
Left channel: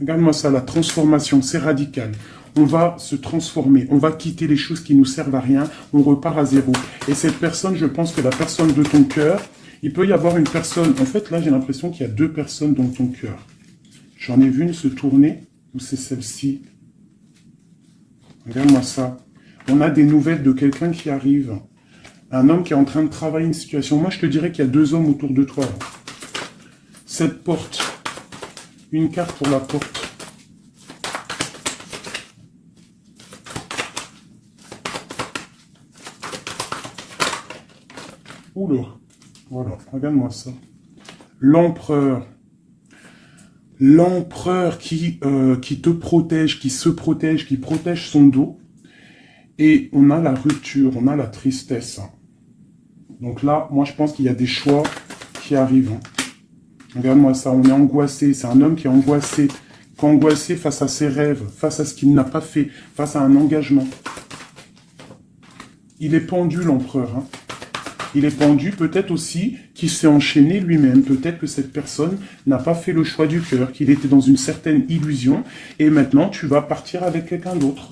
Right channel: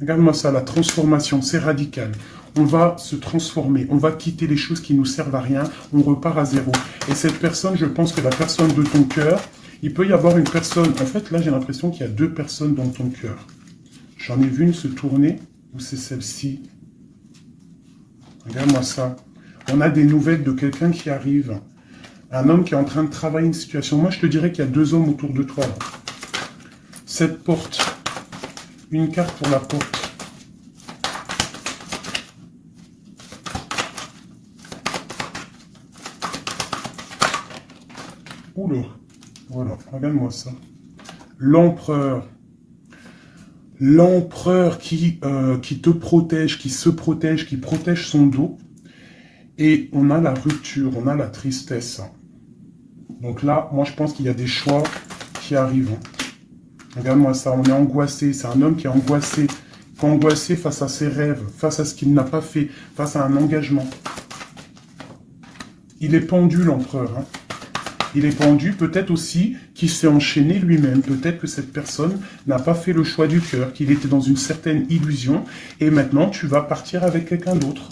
Regarde-moi ça, la transformation, c'est radical. On va se transformer, on va quitter les choses qui nous servent à rien, on repart à zéro. Et cette personne, je pense que la personne de ton cœur, il peut y avoir une personne. En fait, là, j'ai l'impression qu'il y a deux personnes dans ton cœur. J'en ai vu une se tourner, ou c'est celle-ci. Regarde-moi ça. On a des nouvelles de quelqu'un qui arrive. Un homme qui est en train de travailler une situation. Moi, je te dirais qu'il y a deux hommes autour de toi. Là. Cette porte. Une carte pour la porte. Oula. Voilà, regarde-moi ça. L'empereur. l'empereur qui te protège, qui se protège, qui protège son dos. Et on a la rupture, on a la tristesse. Donc là, moi je pense qu'il y a des choix qui arrivent. Regarde-moi ça, on est angoissé. C'est un homme qui est angoissé face à ses rêves, face à ce qu'il n'a pas fait, face à un engagement. Il est pendu, l'empereur. Hein. Il est pendu, peut-être aussi qu'il s'est enchaîné lui-même. Peut-être que cette personne n'a pas fait le choix du cœur, qu'il était dans une certaine illusion. Et maintenant, tu vas partir avec quelqu'un d'autre.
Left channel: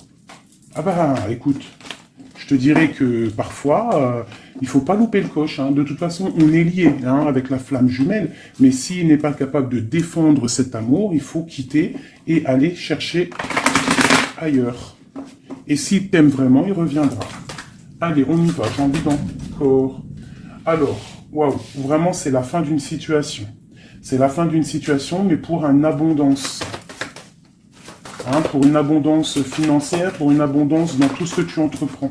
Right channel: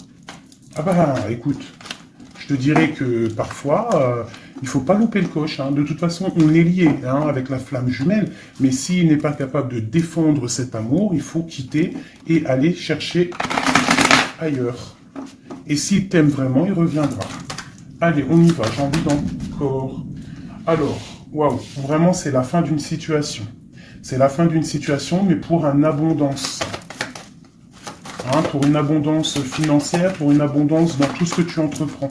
Ah bah, écoute, je te dirais que parfois, il ne faut pas louper le coche. Hein. De toute façon, on est lié hein, avec la flamme jumelle. Mais s'il n'est pas capable de défendre cet amour, il faut quitter et aller chercher ailleurs. Et s'il t'aime vraiment, il reviendra. Allez, on y va, j'ai envie encore. Alors, waouh, vraiment, c'est la fin d'une situation. C'est la fin d'une situation, mais pour une abondance. Hein, pour une abondance financière, pour une abondance dans tout ce que tu entreprends.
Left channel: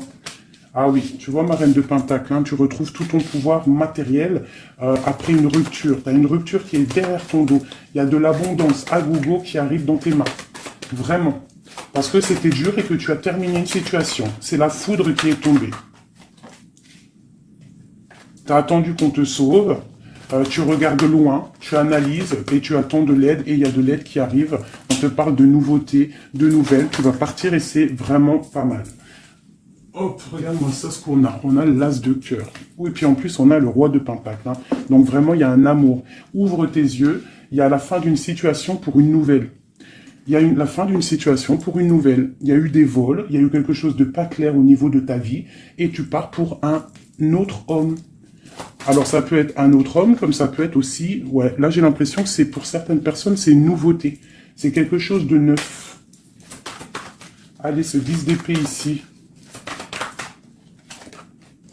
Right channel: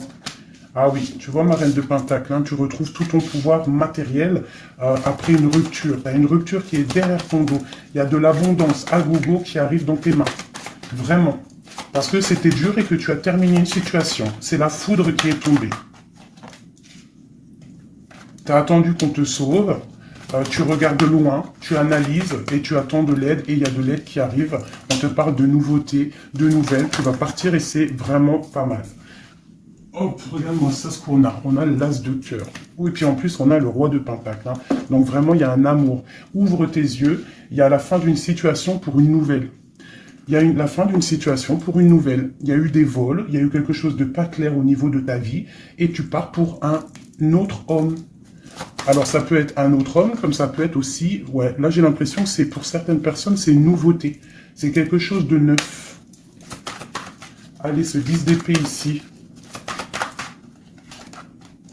Ah oui, tu vois ma reine de Pentacle, hein, tu retrouves tout ton pouvoir matériel après une rupture. Tu as une rupture qui est derrière ton dos. Il y a de l'abondance à gogo qui arrive dans tes mains. Vraiment. Parce que c'était dur et que tu as terminé une situation. C'est la foudre qui est tombée. Tu as attendu qu'on te sauve. Tu regardes loin, tu analyses et tu attends de l'aide. Et il y a de l'aide qui arrive. On te parle de nouveautés, de nouvelles. Tu vas partir et c'est vraiment pas mal. Hop, regarde-moi ça, ce qu'on a. On a l'as de cœur. Oui, et puis en plus, on a le roi de Pentacle. Hein. Donc vraiment, il y a un amour. Ouvre tes yeux. Il y a la fin d'une situation pour une nouvelle. Il y a la fin d'une situation pour une nouvelle. Il y a eu des vols, il y a eu quelque chose de pas clair au niveau de ta vie, et tu pars pour un autre homme. Alors ça peut être un autre homme, comme ça peut être aussi... Ouais, là j'ai l'impression que c'est pour certaines personnes, c'est une nouveauté. C'est quelque chose de neuf. Allez, ce 10 d'épée ici.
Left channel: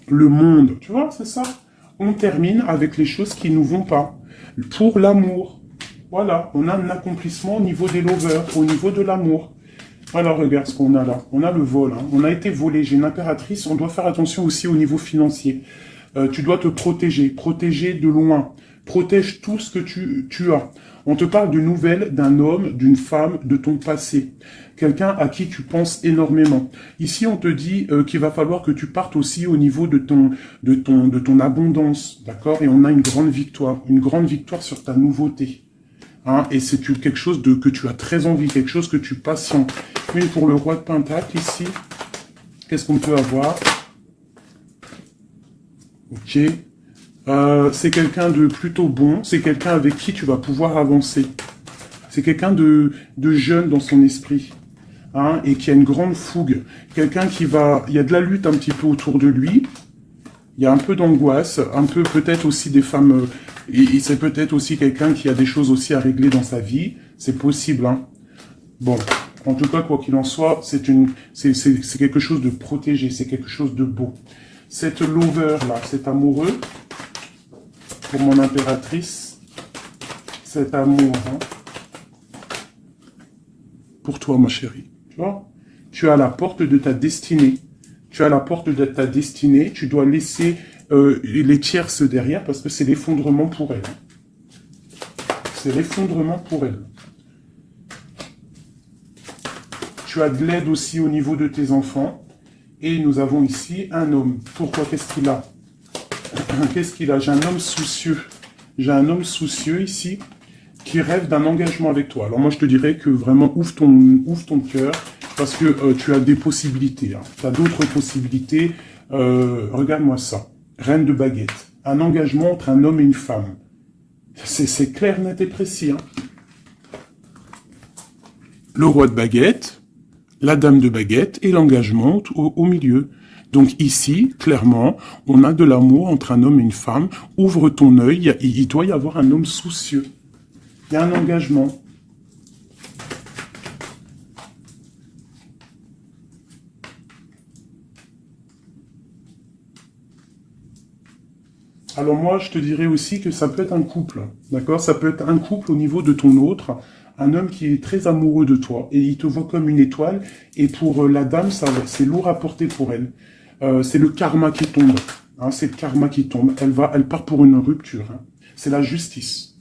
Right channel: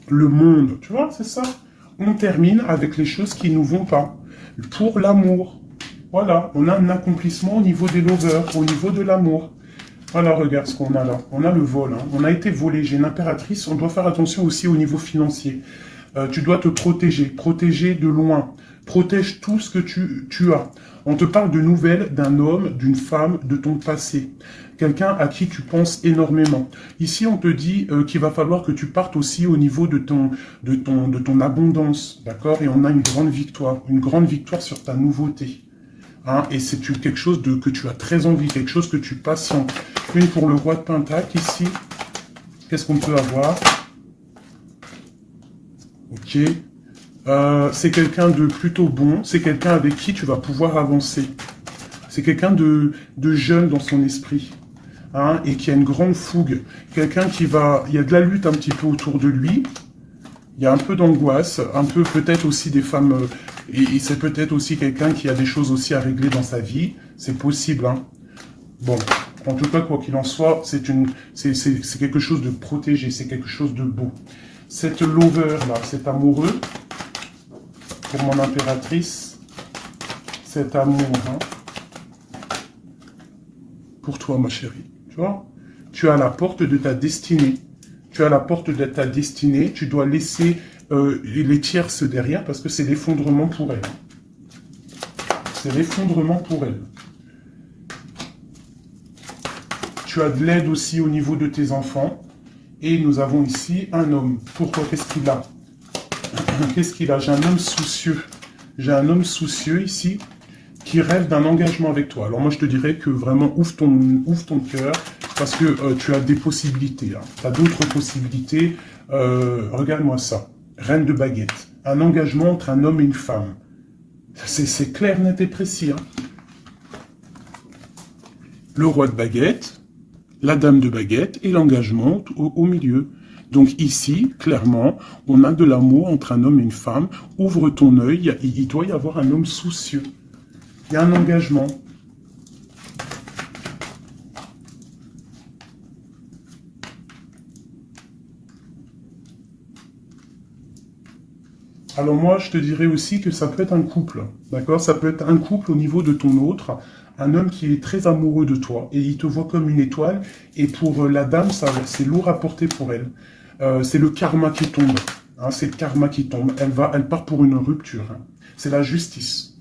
Le monde, tu vois, c'est ça. On termine avec les choses qui ne nous vont pas. Pour l'amour. Voilà, on a un accomplissement au niveau des lovers, au niveau de l'amour. Voilà, regarde ce qu'on a là. On a le vol, hein. On a été volé. J'ai une impératrice, on doit faire attention aussi au niveau financier. Tu dois te protéger de loin. Protège tout ce que tu as. On te parle de nouvelles d'un homme, d'une femme, de ton passé. Quelqu'un à qui tu penses énormément. Ici, on te dit qu'il va falloir que tu partes aussi au niveau de ton abondance. D'accord? Et on a une grande victoire sur ta nouveauté. Hein, et c'est quelque chose que tu as très envie, quelque chose que tu passionnes. Puis pour le roi de Pentacle, ici, qu'est-ce qu'on peut avoir? Ok. C'est quelqu'un de plutôt bon, c'est quelqu'un avec qui tu vas pouvoir avancer. C'est quelqu'un de jeune dans son esprit. Hein, et qui a une grande fougue. Quelqu'un qui va... Il y a de la lutte un petit peu autour de lui. Il y a un peu d'angoisse, un peu peut-être aussi des femmes... Et c'est peut-être aussi quelqu'un qui a des choses aussi à régler dans sa vie. C'est possible, hein. Bon, en tout cas, quoi qu'il en soit, c'est quelque chose de protégé, c'est quelque chose de beau. Cette lover-là, cet amoureux, pour mon impératrice, cet amour, hein, pour toi, ma chérie, tu vois, tu as la porte de ta destinée. Tu as la porte de ta destinée, tu dois laisser les tierces derrière parce que c'est l'effondrement pour elle. C'est l'effondrement pour elle. Tu as de l'aide aussi au niveau de tes enfants. Et nous avons ici un homme. Pourquoi? Qu'est-ce qu'il a? Qu'est-ce qu'il a? J'ai un homme soucieux. J'ai un homme soucieux ici qui rêve d'un engagement avec toi. Alors moi, je te dirais que vraiment, ouvre ton cœur parce que tu as des possibilités. Hein. Tu as d'autres possibilités. Regarde-moi ça. Reine de baguette. Un engagement entre un homme et une femme. C'est clair, net et précis. Hein. Le roi de baguette, la dame de baguette et l'engagement au milieu. Donc ici, clairement, on a de l'amour entre un homme et une femme. Ouvre ton œil, il doit y avoir un homme soucieux. Il y a un engagement. Alors moi, je te dirais aussi que ça peut être un couple, d'accord? Ça peut être un couple au niveau de ton autre, un homme qui est très amoureux de toi, et il te voit comme une étoile, et pour la dame, c'est lourd à porter pour elle. C'est le karma qui tombe, hein, c'est le karma qui tombe. Elle part pour une rupture, hein. C'est la justice.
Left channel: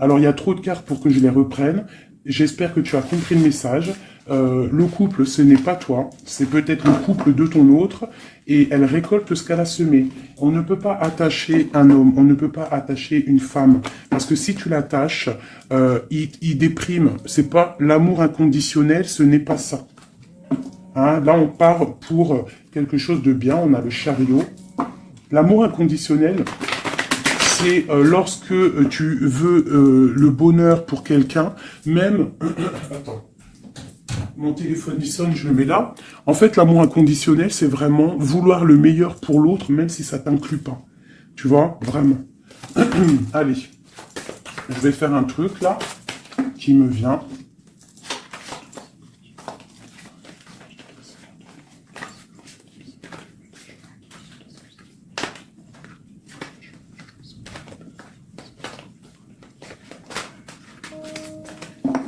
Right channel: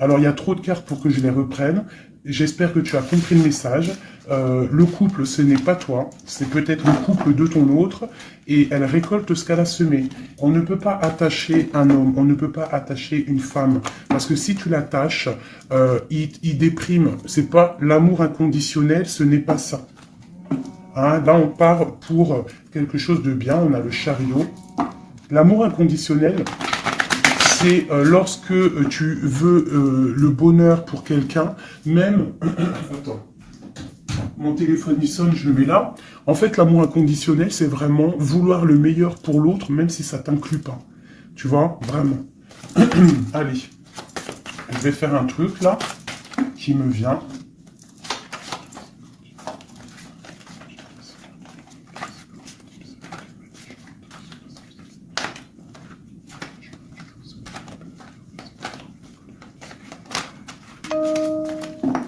Alors, il y a trop de cartes pour que je les reprenne. J'espère que tu as compris le message. Le couple, ce n'est pas toi. C'est peut-être le couple de ton autre. Et elle récolte ce qu'elle a semé. On ne peut pas attacher un homme. On ne peut pas attacher une femme. Parce que si tu l'attaches, il déprime. C'est pas l'amour inconditionnel. Ce n'est pas ça. Hein, là, on part pour quelque chose de bien. On a le chariot. L'amour inconditionnel, c'est lorsque tu veux le bonheur pour quelqu'un, même... Attends, mon téléphone il sonne, je le mets là. En fait, l'amour inconditionnel, c'est vraiment vouloir le meilleur pour l'autre, même si ça t'inclut pas. Tu vois, vraiment. Allez, je vais faire un truc là, qui me vient.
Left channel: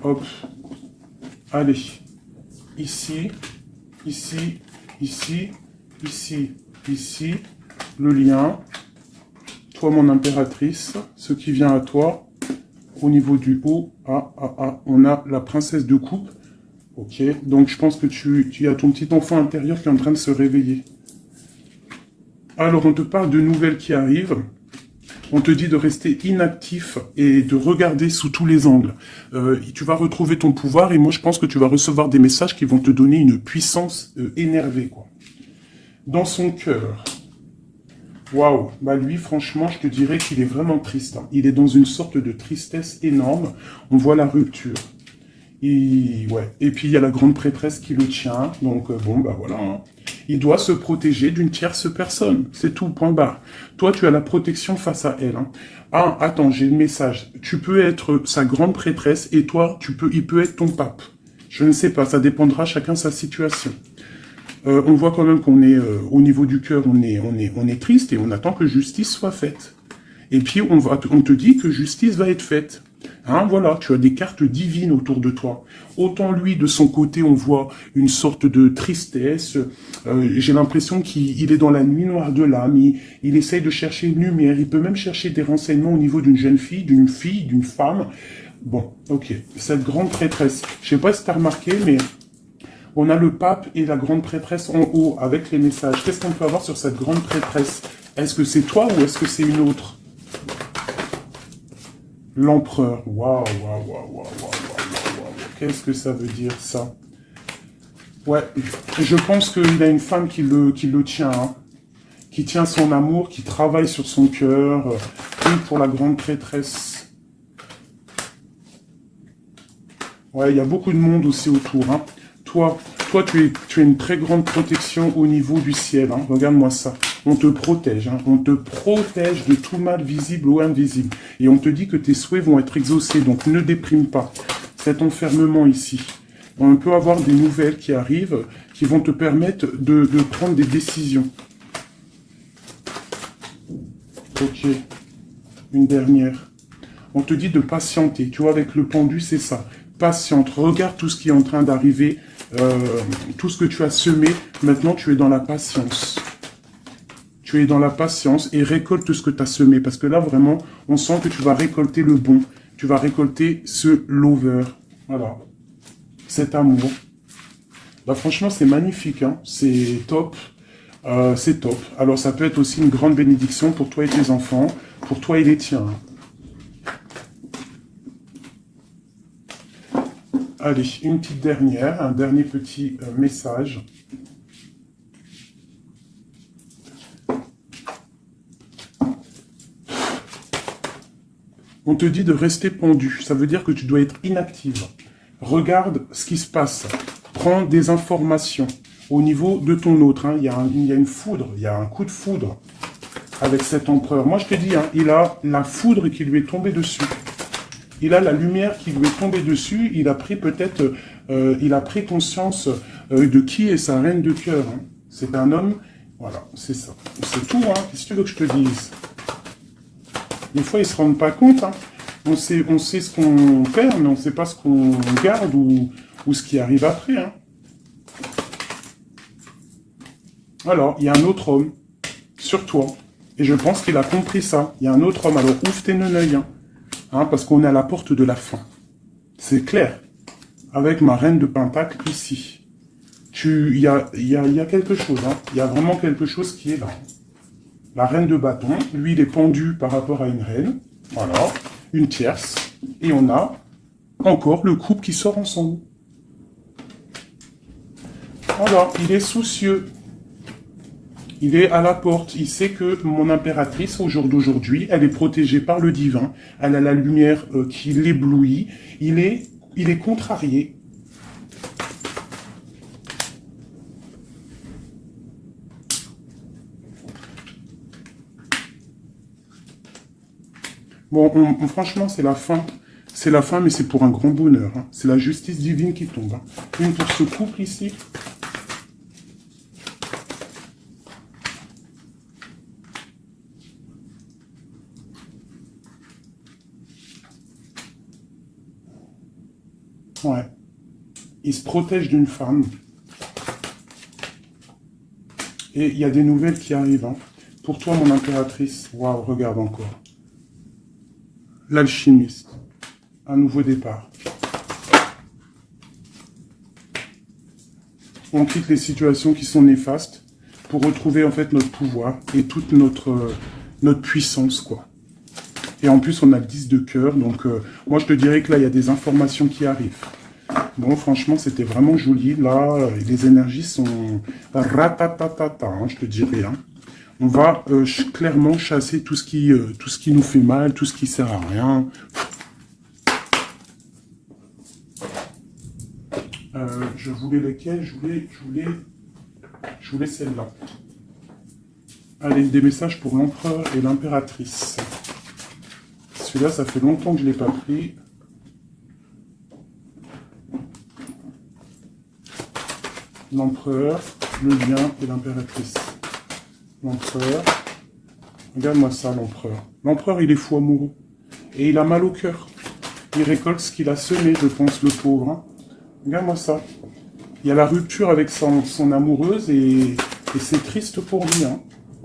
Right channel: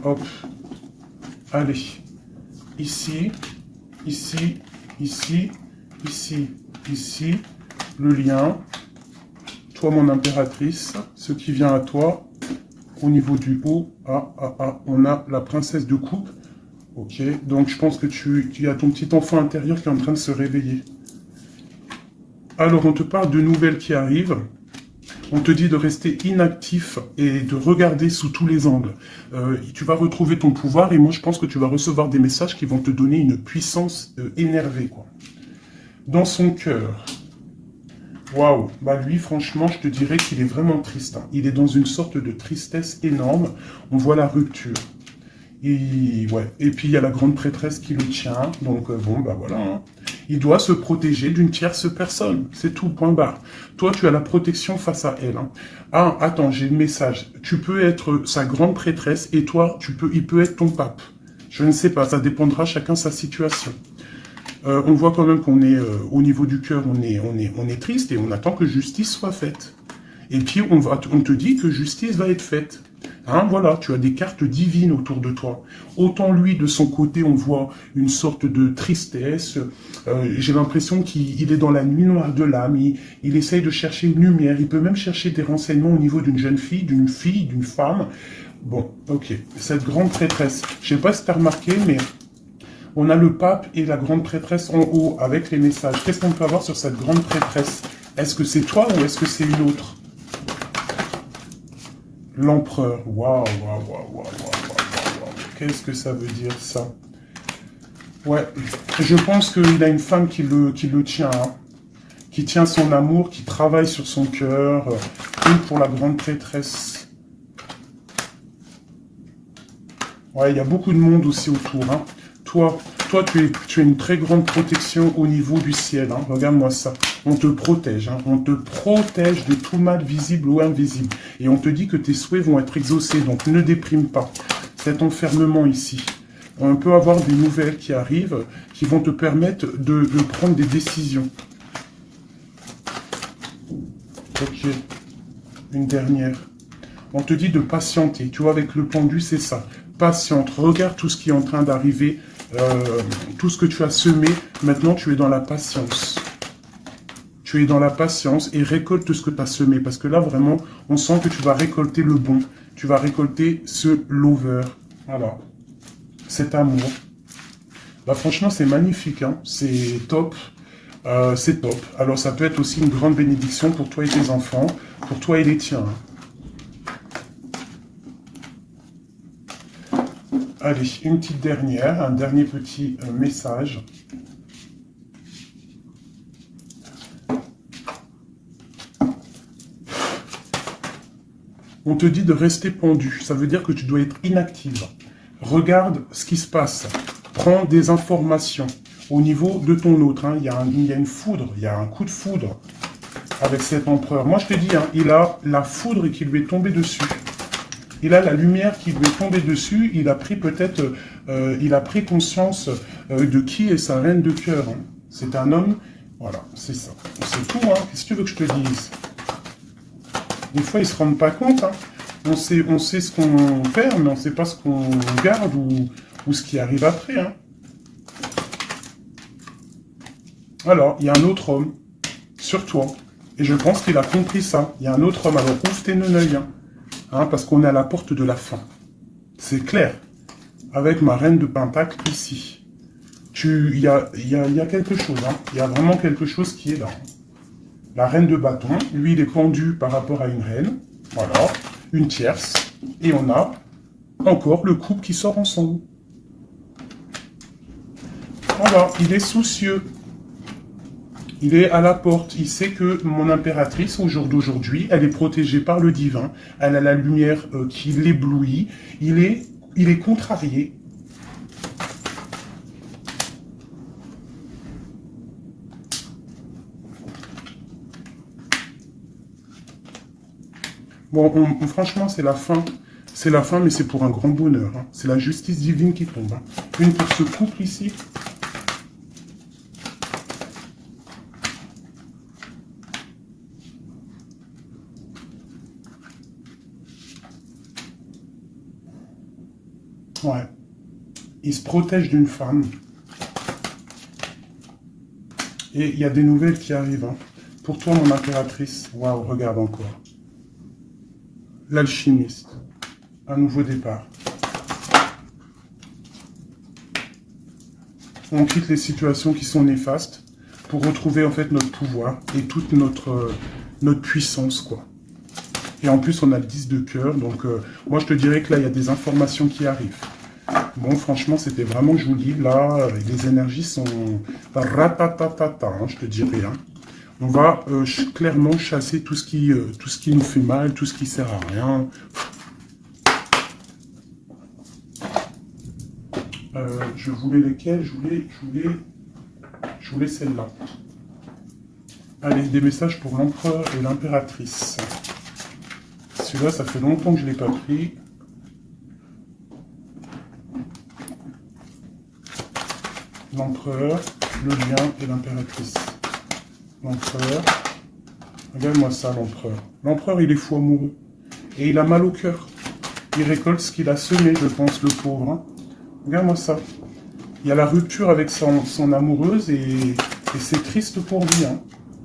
Hop. Allez. Ici, ici, ici, ici, ici. Le lien. Toi, mon impératrice. Ce qui vient à toi. Au niveau du haut. On a la princesse de coupe. Ok. Donc, je pense que tu as ton petit enfant intérieur qui est en train de se réveiller. Alors, on te parle de nouvelles qui arrivent. On te dit de rester inactif et de regarder sous tous les angles. Tu vas retrouver ton pouvoir et moi je pense que tu vas recevoir des messages qui vont te donner une puissance énervée, quoi. Dans son cœur. Waouh. Bah lui, franchement, je te dirais qu'il est vraiment triste. Hein. Il est dans une sorte de tristesse énorme. On voit la rupture. Et puis il y a la grande prêtresse qui le tient. Donc bon, bah voilà. Hein. Il doit se protéger d'une tierce personne. C'est tout, point barre. Toi, tu as la protection face à elle. Hein. Ah, attends, j'ai le message. Tu peux être sa grande prêtresse et toi, il peut être ton pape. Je ne sais pas, ça dépendra chacun sa situation. On voit quand même qu'on est au niveau du cœur, on est triste et on attend que justice soit faite. Et puis on te dit que justice va être faite. Hein, voilà, tu as des cartes divines autour de toi. Autant lui, de son côté, on voit une sorte de tristesse. J'ai l'impression qu'il est dans la nuit noire de l'âme. Il essaye de chercher une lumière. Il peut même chercher des renseignements au niveau d'une jeune fille, d'une femme. Bon, ok. Cette grande prêtresse, je ne sais pas si tu as remarqué, mais on a le pape et la grande prêtresse en haut avec les messages. Qu'est-ce qu'on peut avoir sur cette grande prêtresse? Est-ce que c'est toi ou est-ce que c'est une autre? L'empereur. Waouh. Qu'est-ce que ça veut dire, ça? Ouais, je pense qu'il a une femme qui le tient, hein, qui tient son amour, qui travaille sur son cœur, pour la grande prêtresse. Ouais, il y a beaucoup de monde aussi autour. Hein. Toi, tu as une très grande protection au niveau du ciel. Hein. Regarde-moi ça. On te protège. Hein. On te protège de tout mal visible ou invisible. Et on te dit que tes souhaits vont être exaucés. Donc ne déprime pas. Cet enfermement ici. On peut avoir des nouvelles qui arrivent, qui vont te permettre de prendre des décisions. Ok. Une dernière. On te dit de patienter. Tu vois, avec le pendu, c'est ça. Patiente. Regarde tout ce qui est en train d'arriver. Tout ce que tu as semé. Maintenant, tu es dans la patience. Tu es dans la patience et récolte tout ce que tu as semé. Parce que là, vraiment, on sent que tu vas récolter le bon. Tu vas récolter ce lover. Voilà. Cet amour. Bah, franchement, c'est magnifique. Hein. C'est top. C'est top. Alors, ça peut être aussi une grande bénédiction pour toi et tes enfants. Pour toi et les tiens. Allez, une petite dernière. Un dernier petit message. On te dit de rester pendu. Ça veut dire que tu dois être inactive. Regarde ce qui se passe. Prends des informations au niveau de ton autre. Hein. Il y a une foudre, il y a un coup de foudre avec cet empereur. Moi, je te dis, hein, il a la foudre qui lui est tombée dessus. Il a la lumière qui lui est tombée dessus. Il a pris peut-être, il a pris conscience de qui est sa reine de cœur. Hein. C'est un homme, voilà, c'est ça. C'est tout, hein. Qu'est-ce que tu veux que je te dise? Des fois, ils ne se rendent pas compte. Hein. On sait ce qu'on perd, mais on ne sait pas ce qu'on garde ou ce qui arrive après. Hein. Alors, il y a un autre homme sur toi. Et je pense qu'il a compris ça. Il y a un autre homme. Alors, ouvre tes œils. Hein. hein, parce qu'on est à la porte de la fin. C'est clair. Avec ma reine de pentacle ici. Il y a quelque chose, hein. Il y a vraiment quelque chose qui est là. La reine de bâton, lui, il est pendu par rapport à une reine. Voilà, une tierce. Et on a encore le couple qui sort ensemble. Voilà, il est soucieux. Il est à la porte. Il sait que mon impératrice, au jour d'aujourd'hui, elle est protégée par le divin. Elle a la lumière qui l'éblouit. Il est contrarié. Bon, franchement, c'est la fin. C'est la fin, mais c'est pour un grand bonheur. Hein. C'est la justice divine qui tombe. Hein. Une pour ce couple ici. Ouais. Il se protège d'une femme. Et il y a des nouvelles qui arrivent. Hein. Pour toi, mon impératrice. Waouh, regarde encore. L'alchimiste. Un nouveau départ. On quitte les situations qui sont néfastes pour retrouver en fait notre pouvoir et toute notre puissance, quoi. Et en plus, on a le 10 de cœur. Donc, moi, je te dirais que là, il y a des informations qui arrivent. Bon, franchement, c'était vraiment joli. Là, les énergies sont ratatatata, hein, je te dirais. Hein. On va clairement chasser tout ce qui nous fait mal, tout ce qui sert à rien. Je voulais lesquels? Je voulais celle-là. Allez, des messages pour l'empereur et l'impératrice. Celui-là, ça fait longtemps que je ne l'ai pas pris. L'empereur, le lien et l'impératrice. L'empereur. Regarde-moi ça, l'empereur. L'empereur, il est fou amoureux. Et il a mal au cœur. Il récolte ce qu'il a semé, je pense, le pauvre. Hein. Regarde-moi ça. Il y a la rupture avec son amoureuse et c'est triste pour lui. Hein.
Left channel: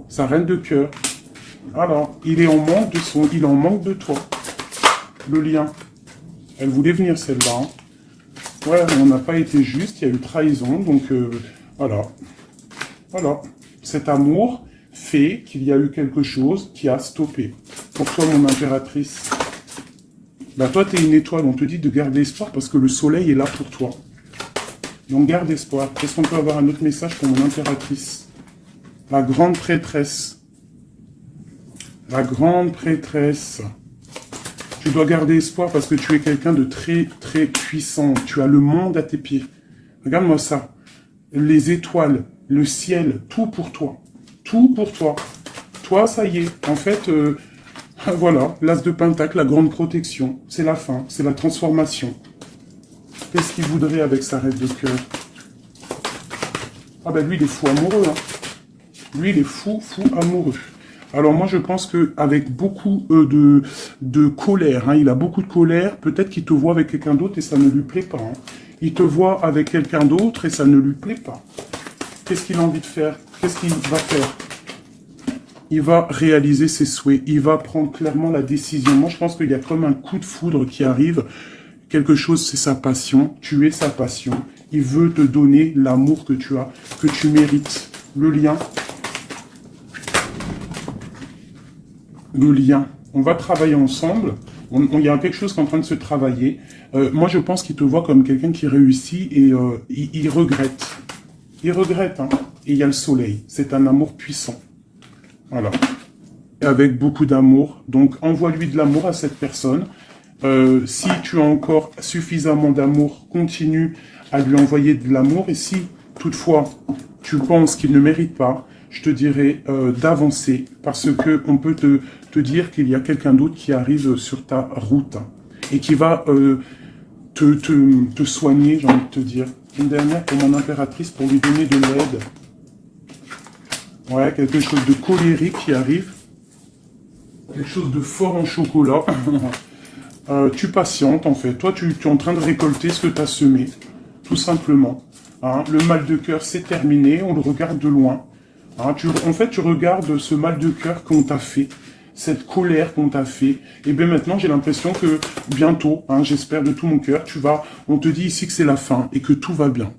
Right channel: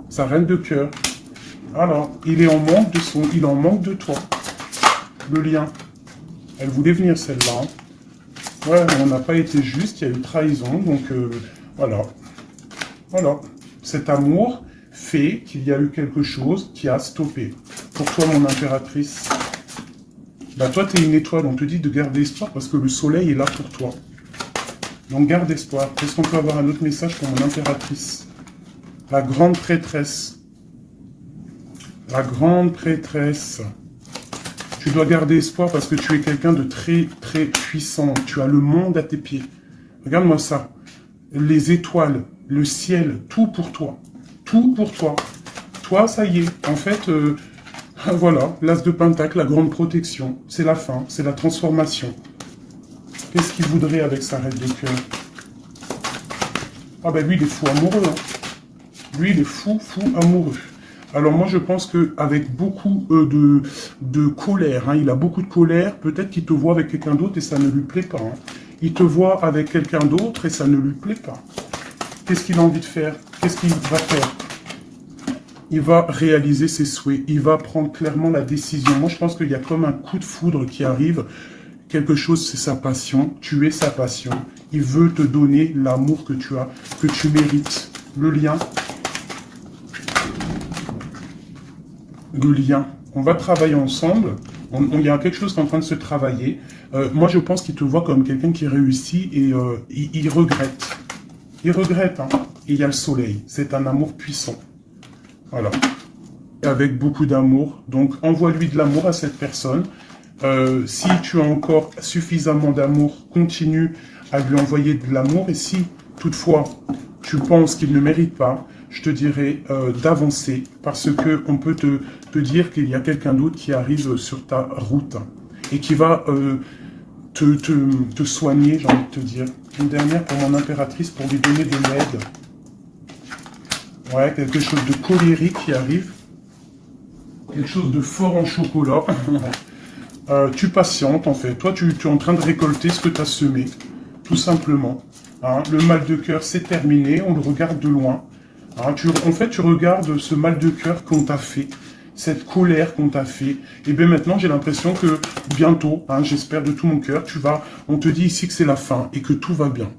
Sa reine de cœur. Alors, il est en manque il en manque de toi. Le lien. Elle voulait venir celle-là. Hein. Ouais, on n'a pas été juste, il y a eu trahison, donc voilà. Voilà. Cet amour fait qu'il y a eu quelque chose qui a stoppé. Pour toi, mon impératrice, bah, toi, tu es une étoile, on te dit de garder espoir parce que le soleil est là pour toi. Donc garde espoir. Est-ce qu'on peut avoir un autre message pour mon impératrice? La grande prêtresse. La grande prêtresse. Tu dois garder espoir parce que tu es quelqu'un de très, très puissant. Tu as le monde à tes pieds. Regarde-moi ça. Les étoiles, le ciel, tout pour toi. Tout pour toi. Toi, ça y est. En fait, voilà, l'as de pentacle, la grande protection. C'est la fin, c'est la transformation. Qu'est-ce qu'il voudrait avec sa reine de cœur? Ah ben lui, il est fou amoureux. Hein. Lui, il est fou, fou amoureux. Alors moi, je pense qu'avec beaucoup de colère, hein, il a beaucoup de colère, peut-être qu'il te voit avec quelqu'un d'autre et ça ne lui plaît pas. Hein. Il te voit avec quelqu'un d'autre et ça ne lui plaît pas. Qu'est-ce qu'il a envie de faire? Qu'est-ce qu'il va faire? Il va réaliser ses souhaits. Il va prendre clairement la décision. Moi, je pense qu'il y a comme un coup de foudre qui arrive. Quelque chose, c'est sa passion. Tu es sa passion. Il veut te donner l'amour que tu as, que tu mérites. Le lien. Le lien. On va travailler ensemble. Il y a quelque chose qui est en train de se travailler. Moi, je pense qu'il te voit comme quelqu'un qui réussit et il regrette. Il regrette. Hein. Et il y a le soleil. C'est un amour puissant. Voilà. Et avec beaucoup d'amour. Donc, envoie-lui de l'amour à cette personne. Si tu as encore suffisamment d'amour, continue à lui envoyer de l'amour. Et si, toutefois, tu penses qu'il ne mérite pas, je te dirais d'avancer. Parce que on peut te dire qu'il y a quelqu'un d'autre qui arrive sur ta route. Et qui va te soigner, j'ai envie de te dire. Une dernière pour mon impératrice, pour lui donner de l'aide. Ouais, quelque chose de colérique qui arrive. Quelque chose de fort en chocolat. Tu patientes, en fait. Toi, tu es en train de récolter ce que tu as semé. Tout simplement. Hein, le mal de cœur, c'est terminé. On le regarde de loin. Hein, en fait, tu regardes ce mal de cœur qu'on t'a fait. cette colère qu'on t'a fait. Et bien maintenant, j'ai l'impression que bientôt, hein, j'espère de tout mon cœur, on te dit ici que c'est la fin et que tout va bien.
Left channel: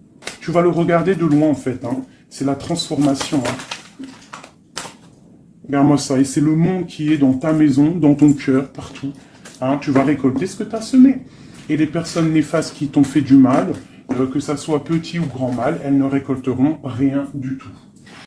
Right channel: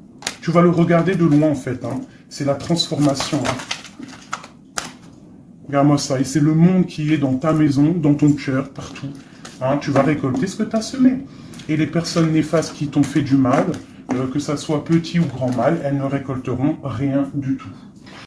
Tu vas le regarder de loin en fait, hein. C'est la transformation. Hein. Regarde-moi ça, et c'est le monde qui est dans ta maison, dans ton cœur, partout. Hein, tu vas récolter ce que tu as semé. Et les personnes néfastes qui t'ont fait du mal, que ça soit petit ou grand mal, elles ne récolteront rien du tout.